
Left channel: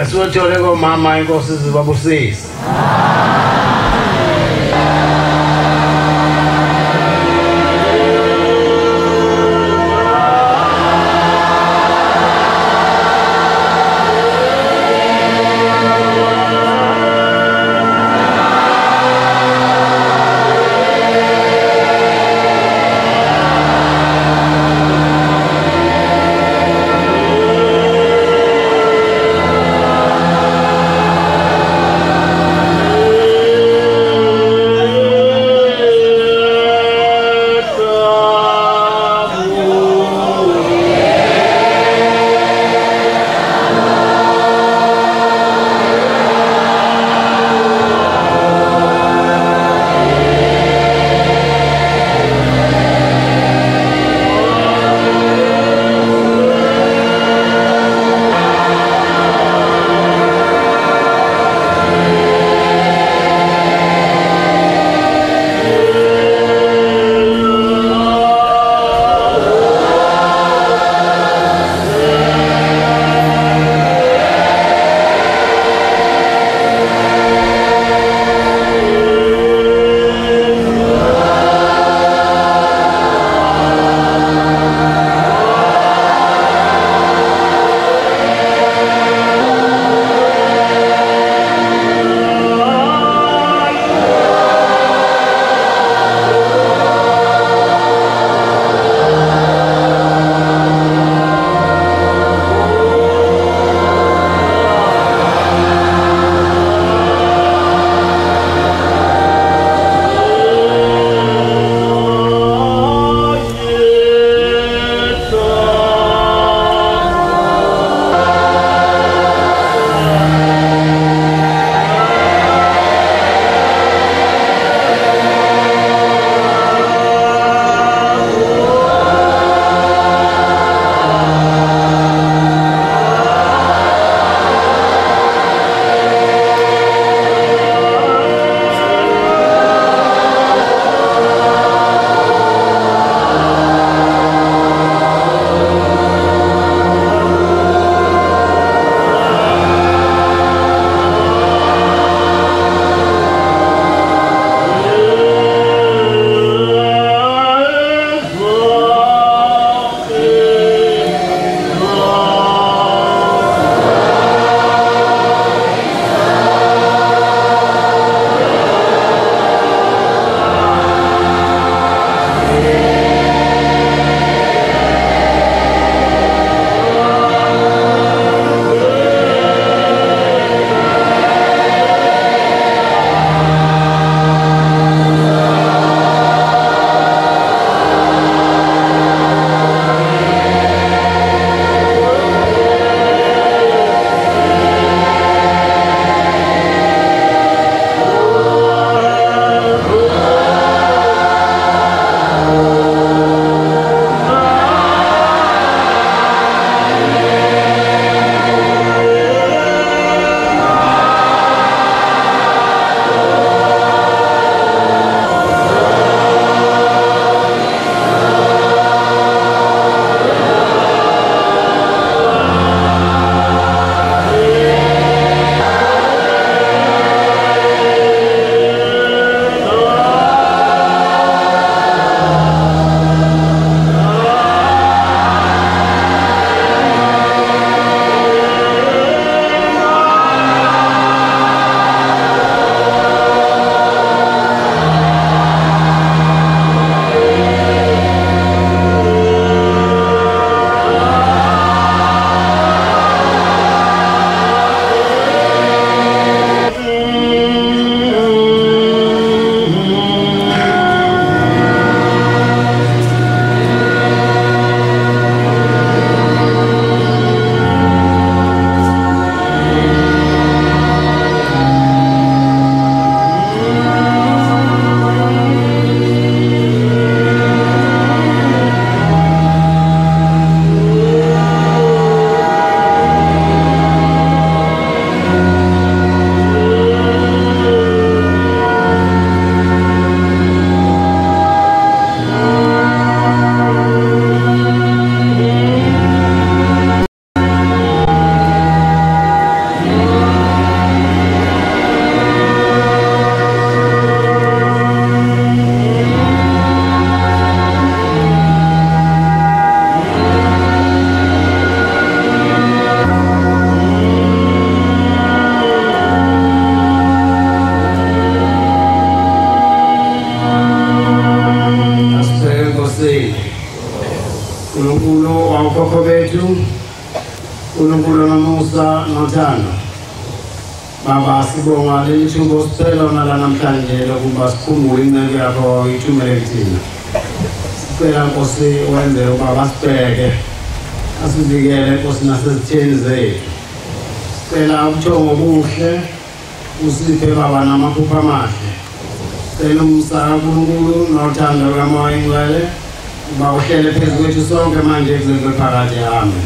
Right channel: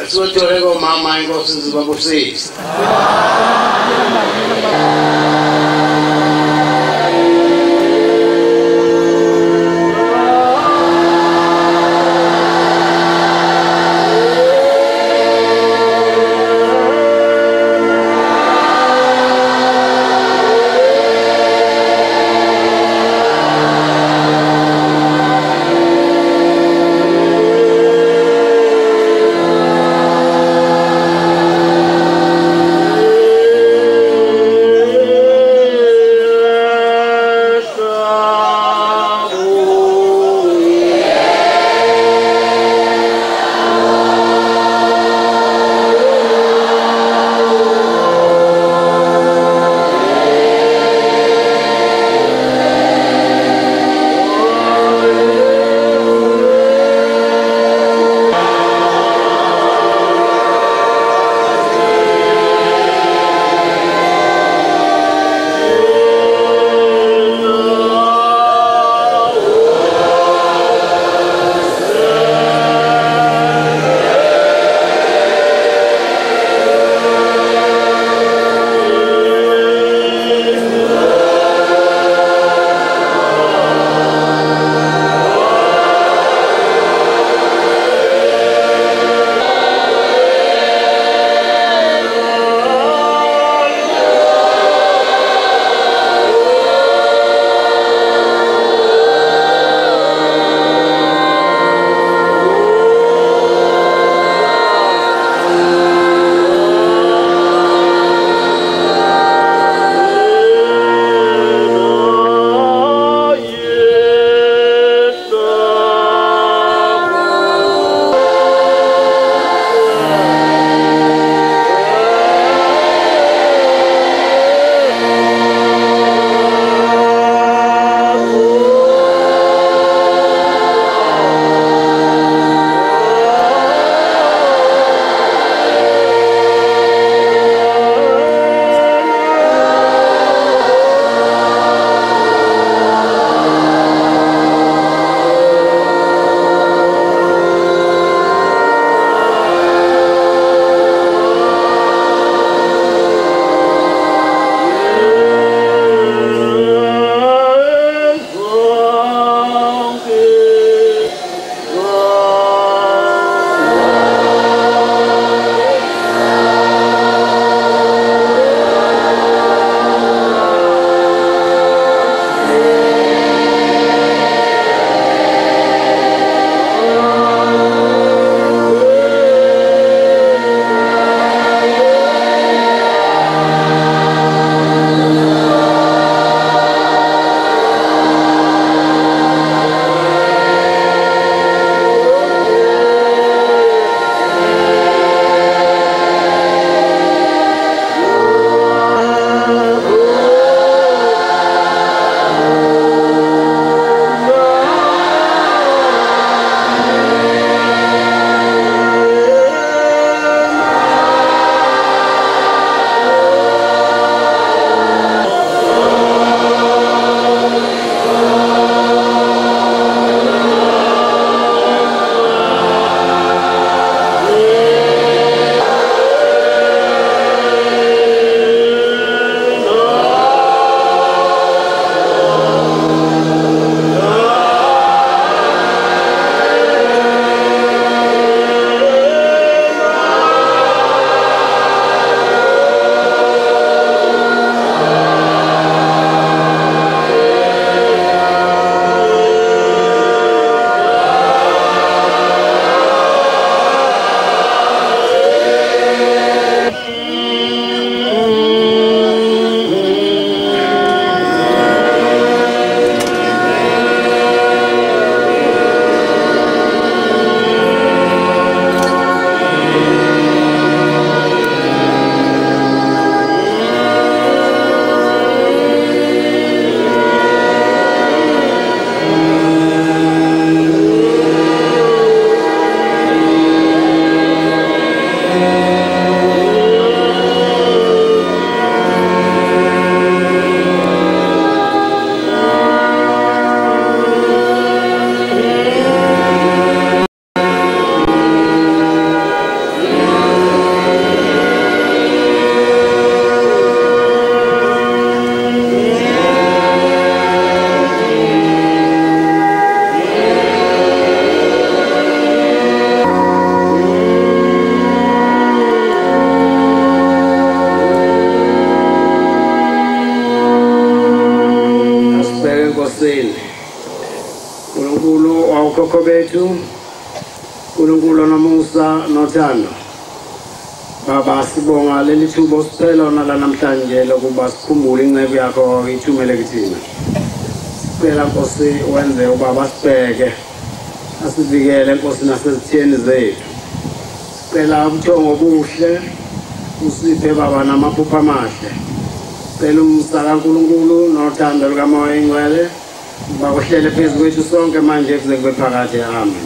asiwathole komama inkosi zibabusise bethu uNkulunkulu nomusa nothando. Baba sibonga leli thuba siphela nala namhlanje lokuba sikhumbule incebo yakho ithumele kuthina. Sicela Nkosi wenze ubaba sibheke asivikele Nkosi nasezitheni zethu. Sicela umthongo obuhle usiphe baba namaphupho amahle. Sicela umsaka uNkulunkulu nothando lukaMoya Oyingcwele Baba uhlele phezu kwethu sonke manje kuze kube phakade. Amen.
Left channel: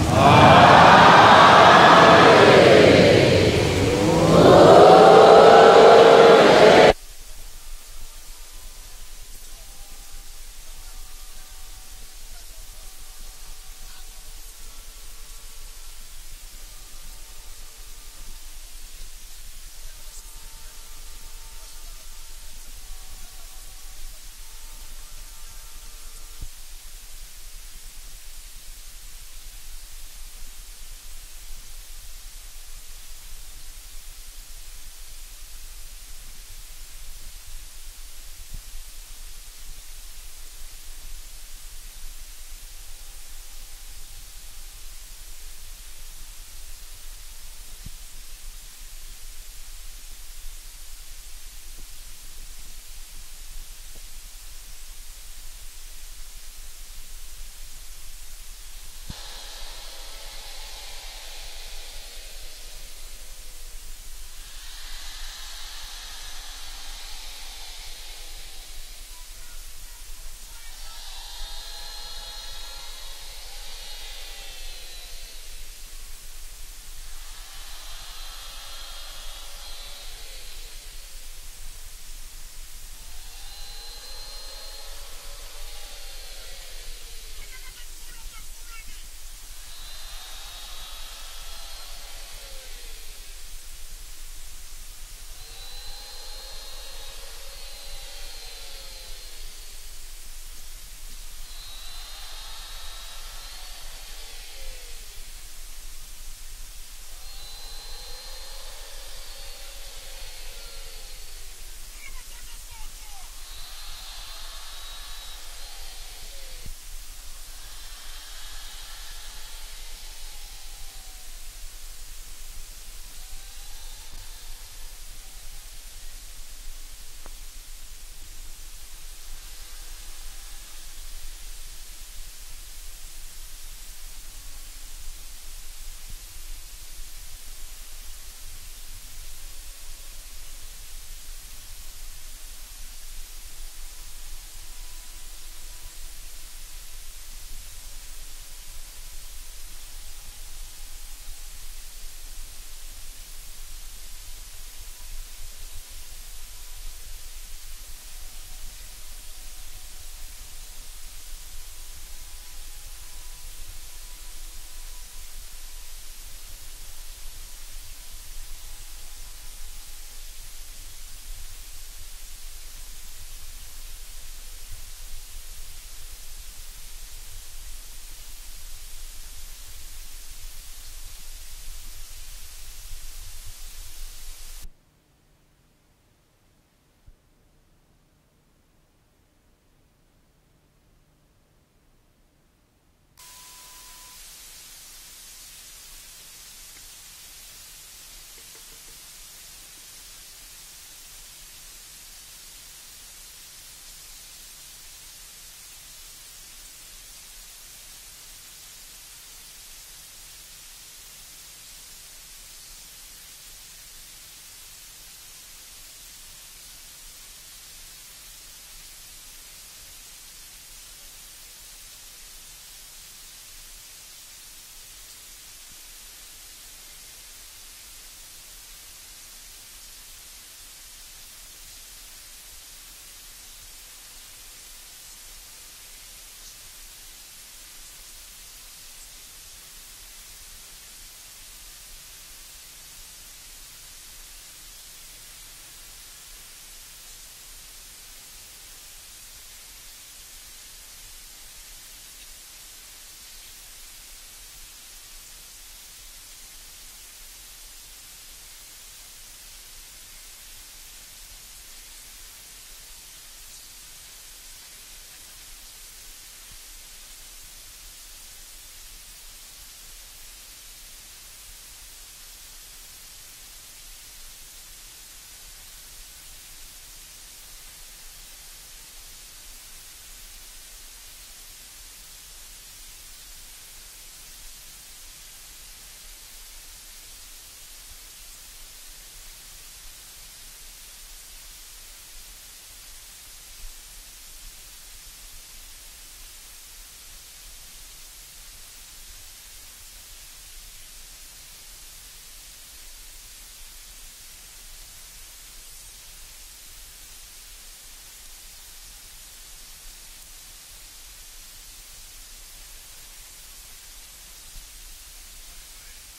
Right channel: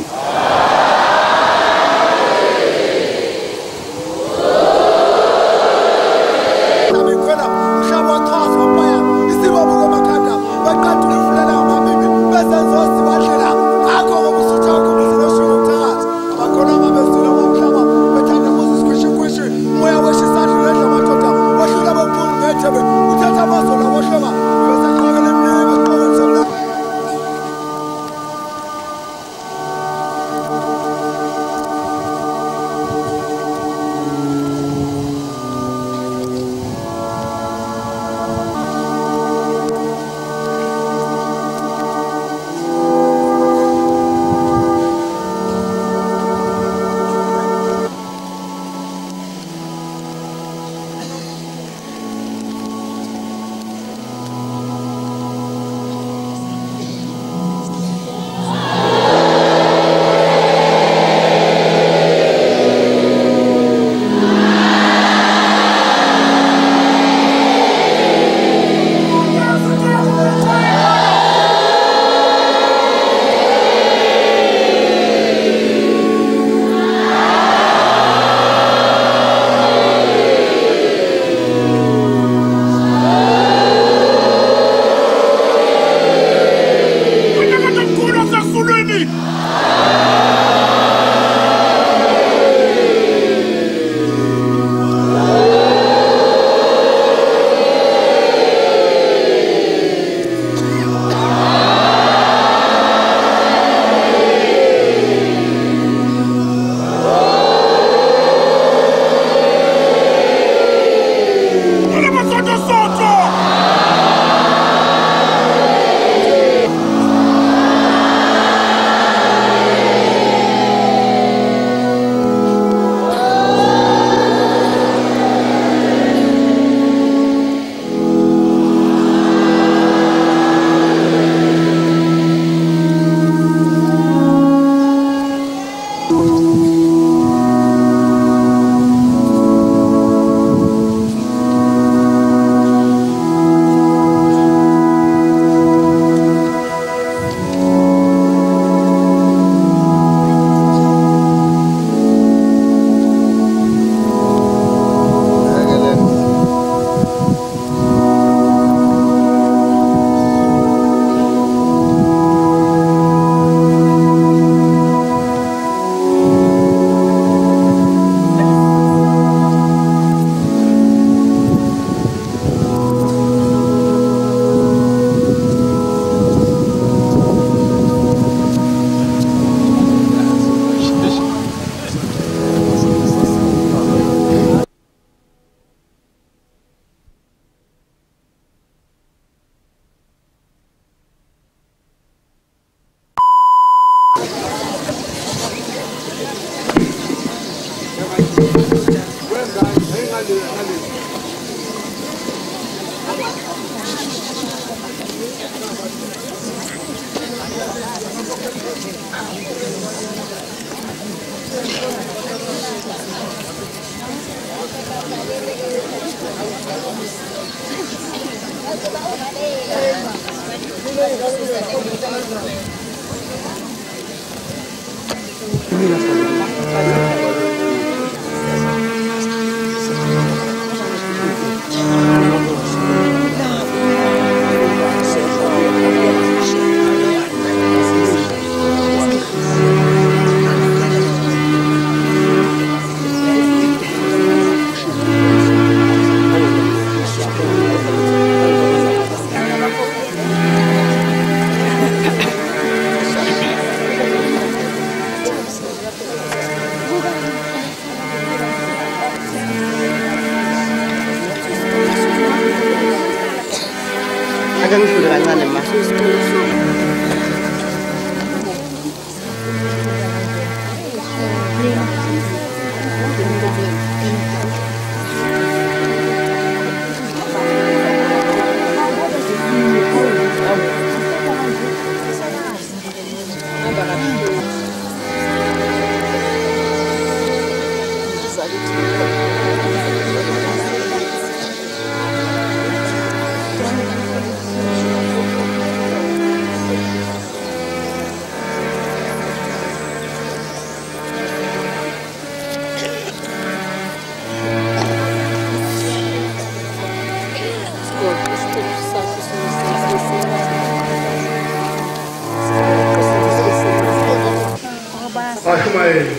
abashumayeli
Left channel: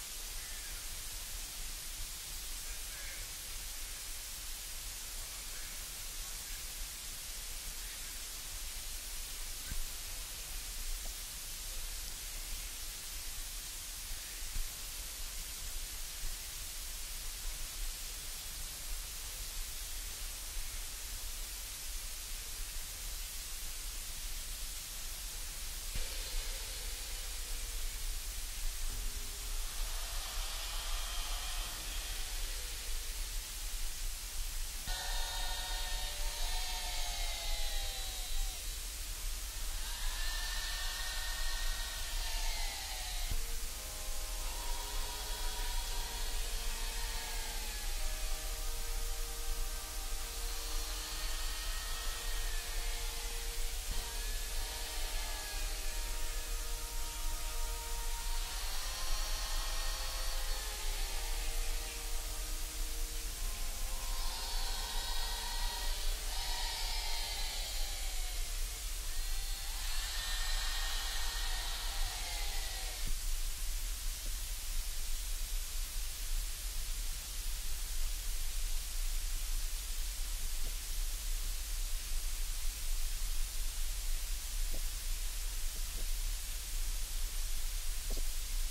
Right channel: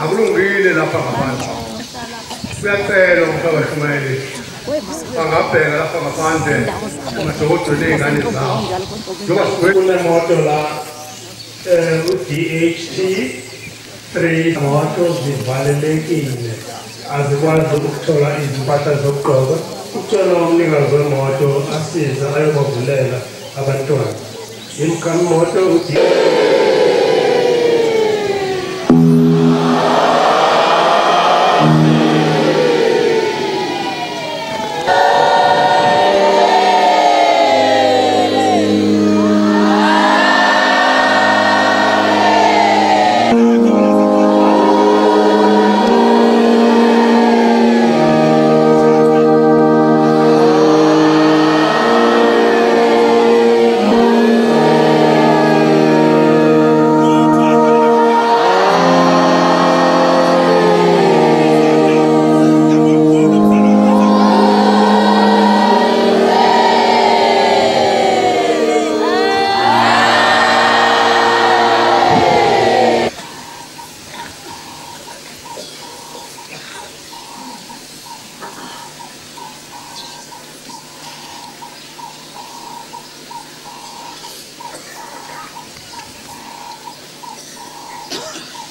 akulungile lapha ngaphandle siyacela ukuthi abashumayeli bangabheka lapha ngaphandle umadokotela nezingane zabo njengoba kunemoto la u-DHT 3 moto zivalelekile azikwazi ukuthola izimpahla zokugqoka ucela umnikazi wemoto asize ayobavulela abantwana imkhamoto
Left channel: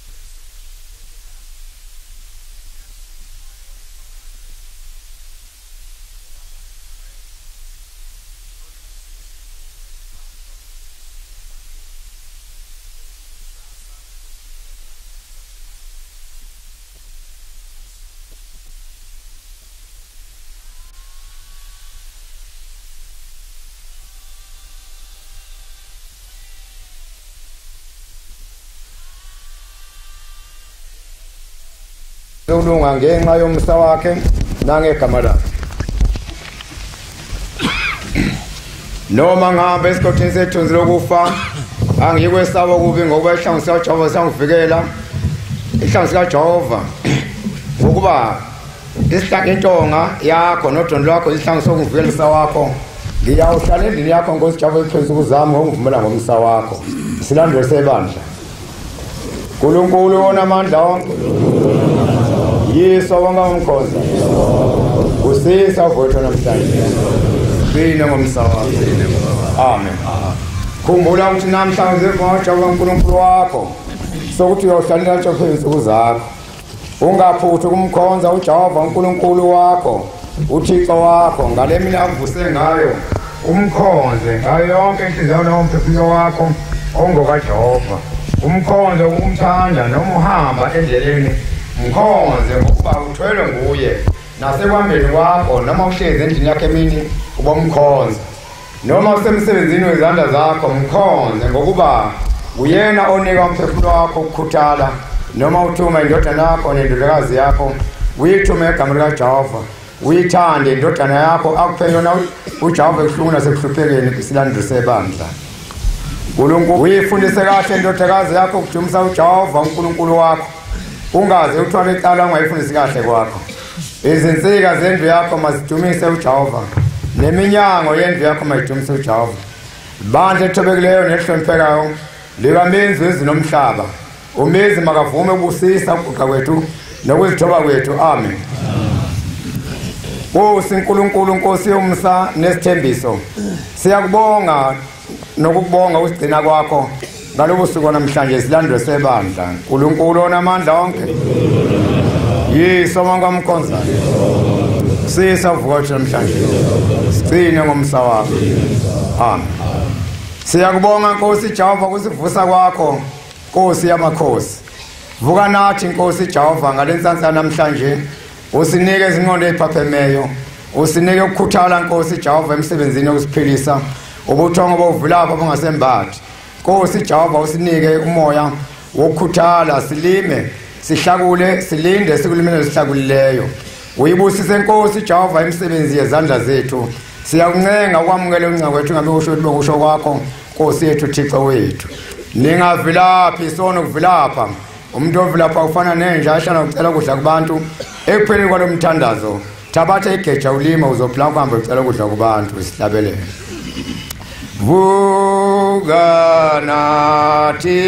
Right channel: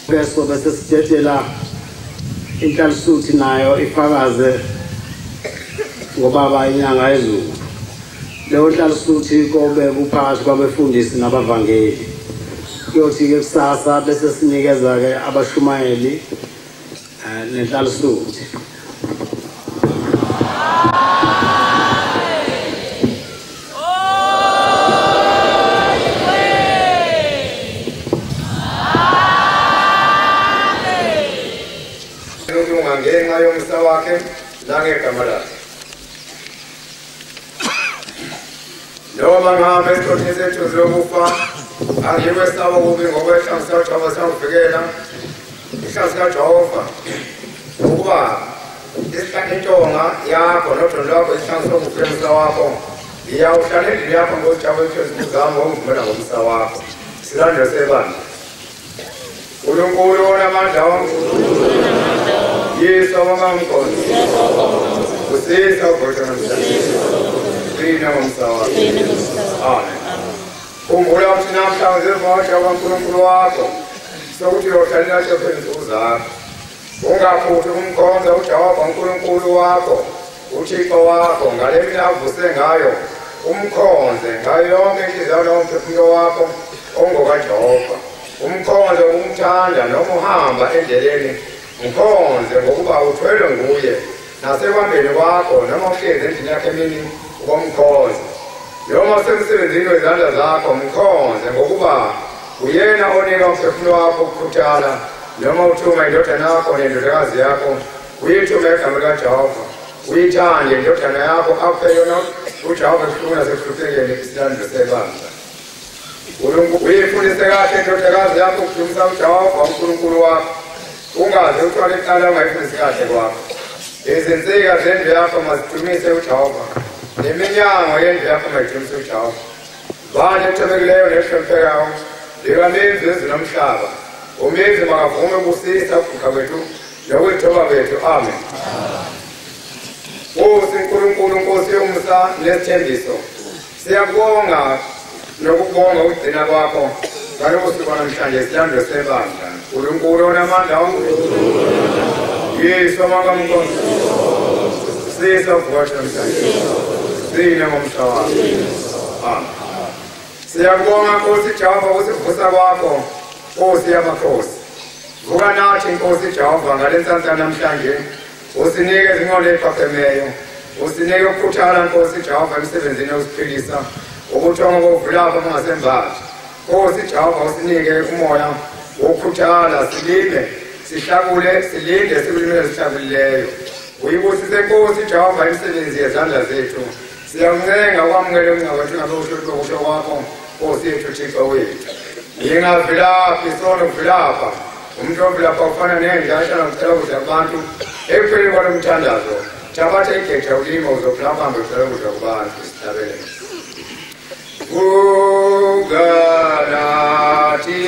Beso bese sithetela inhlalisuthi nayo ifakaze ngobaba inyanga ezulu leyo nhlalisuthi kobe kuphakathi kwabefundisi nabavangeli kuyothi ke kusasa bese sinikeza ke abashumayeli nenhlalisuthi ngenxa yomsa wakhe nangegama lakhe noma ngihamba esikhathini sethu lokufa angikwesaba kubi ngoba ihlangu sikaJehova sangivikela ihlangu sikaJehova ukuba intonga yakho nodondo lwakho ihlangu sokuvikelisa wakho ngiyawuhlala endlini yakho ngosijabo ephezulu uzama uvumela ngomsa wakho silandele sebandla uNkulunkulu unamandla wonke Yesu wamangkosi usisa vote namhlanje kina ngomsawa amen khumbula ukuthi namhlanje zivotha uNkulunkulu wakho sokuthi uyohlalela phezulu zakho ungaphuthi kumkhonza uJehova uNkulunkulu wakho uThixo wakho ngale mina avuse ngayo umkhonze ngayo yonke inhliziyo nomphefumulo wakho ongokaJehova umkhonze ukumthanda noma uhamba endleleni mkhonze ngokuba uthwele nguye nasekwambeni kwakho noma uhlezi endlini yakhe emini uba umkhonze noma usemsebenzini wezandla zakho mkhonze ngokuba uyena onika umphefumulo wakho ukukhuthala noma uthuma indodana yakho nendodakazi yakho uyithume egama likaJehova uyithande indodana yakho akuphela uJehova ehlungula sekuhluphekeni isilandelo sebandla uNkulunkulu uyifundise kahle indodakazi yakho ukujumisa uJehova uNkulunkulu wakho ungaze uthwale icala ungayifundisi kahle kwakho izinsika zendlu yakho mazidumise uJehova neminyango yendlu yakho mayidumise uJehova bandla ethobekileyo nehloniphekayo likamenzi wezulu nomhlaba umenzi makavume ukusisa ukuguqa kwethu nokuzithoba kwethu amen uNkulunkulu Nkosi yomsa nesithembiso siyakubonga nokubonga ukugcina kwakho ngalobu suku namhlanje silandwe sebandla uNkulunkulu onamandla onke Yesu wangamkhonza sisa vuka namhlanje sicine ngomsa wakho amen siyakubonga Nkosi Jehova ukusivusa kwakho Nkosi yamakhosi vuka nathi Nkosi Jehova ngalenhlanhla namhlanje usinikeze ingqondo ephaphemeyo usinike ukukhuthala Nkosi Jehova emsebenzini wokusiphilisa ubuthongo bovulapha kungasembathi Nkosi Jehova usinike umoya wokukhuthala silime sihlakule silinde sikulimele sihlakulileyo uyibusise Nkosi Jehova emsebenzi yezandla zethu siyakuncenga ukwamukela uncinga kwethu ngabusho lokusho kwakho Nkosi yethu Thixo wethu ningavilaphi sona ukuvilapha umuntu ovilapha ufana nenja ashana ucela ukudla kubantu ekupheleni kwalomthandazo thabatha igeja ulima uzophila uhambe ucela ukudla kubantu sihlabelele vuka nathi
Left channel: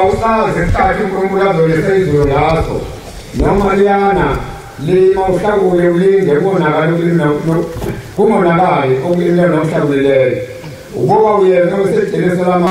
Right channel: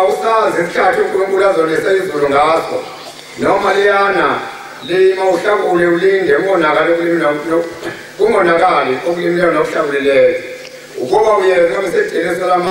awusazi isikhathi uNkulunkulu azolesa izulu ngaso noma liyana lima uhlakule ulinde kungonakali ukulima kungonakali ukulimela nokuhlakulileyo ukuba uyena osejelisela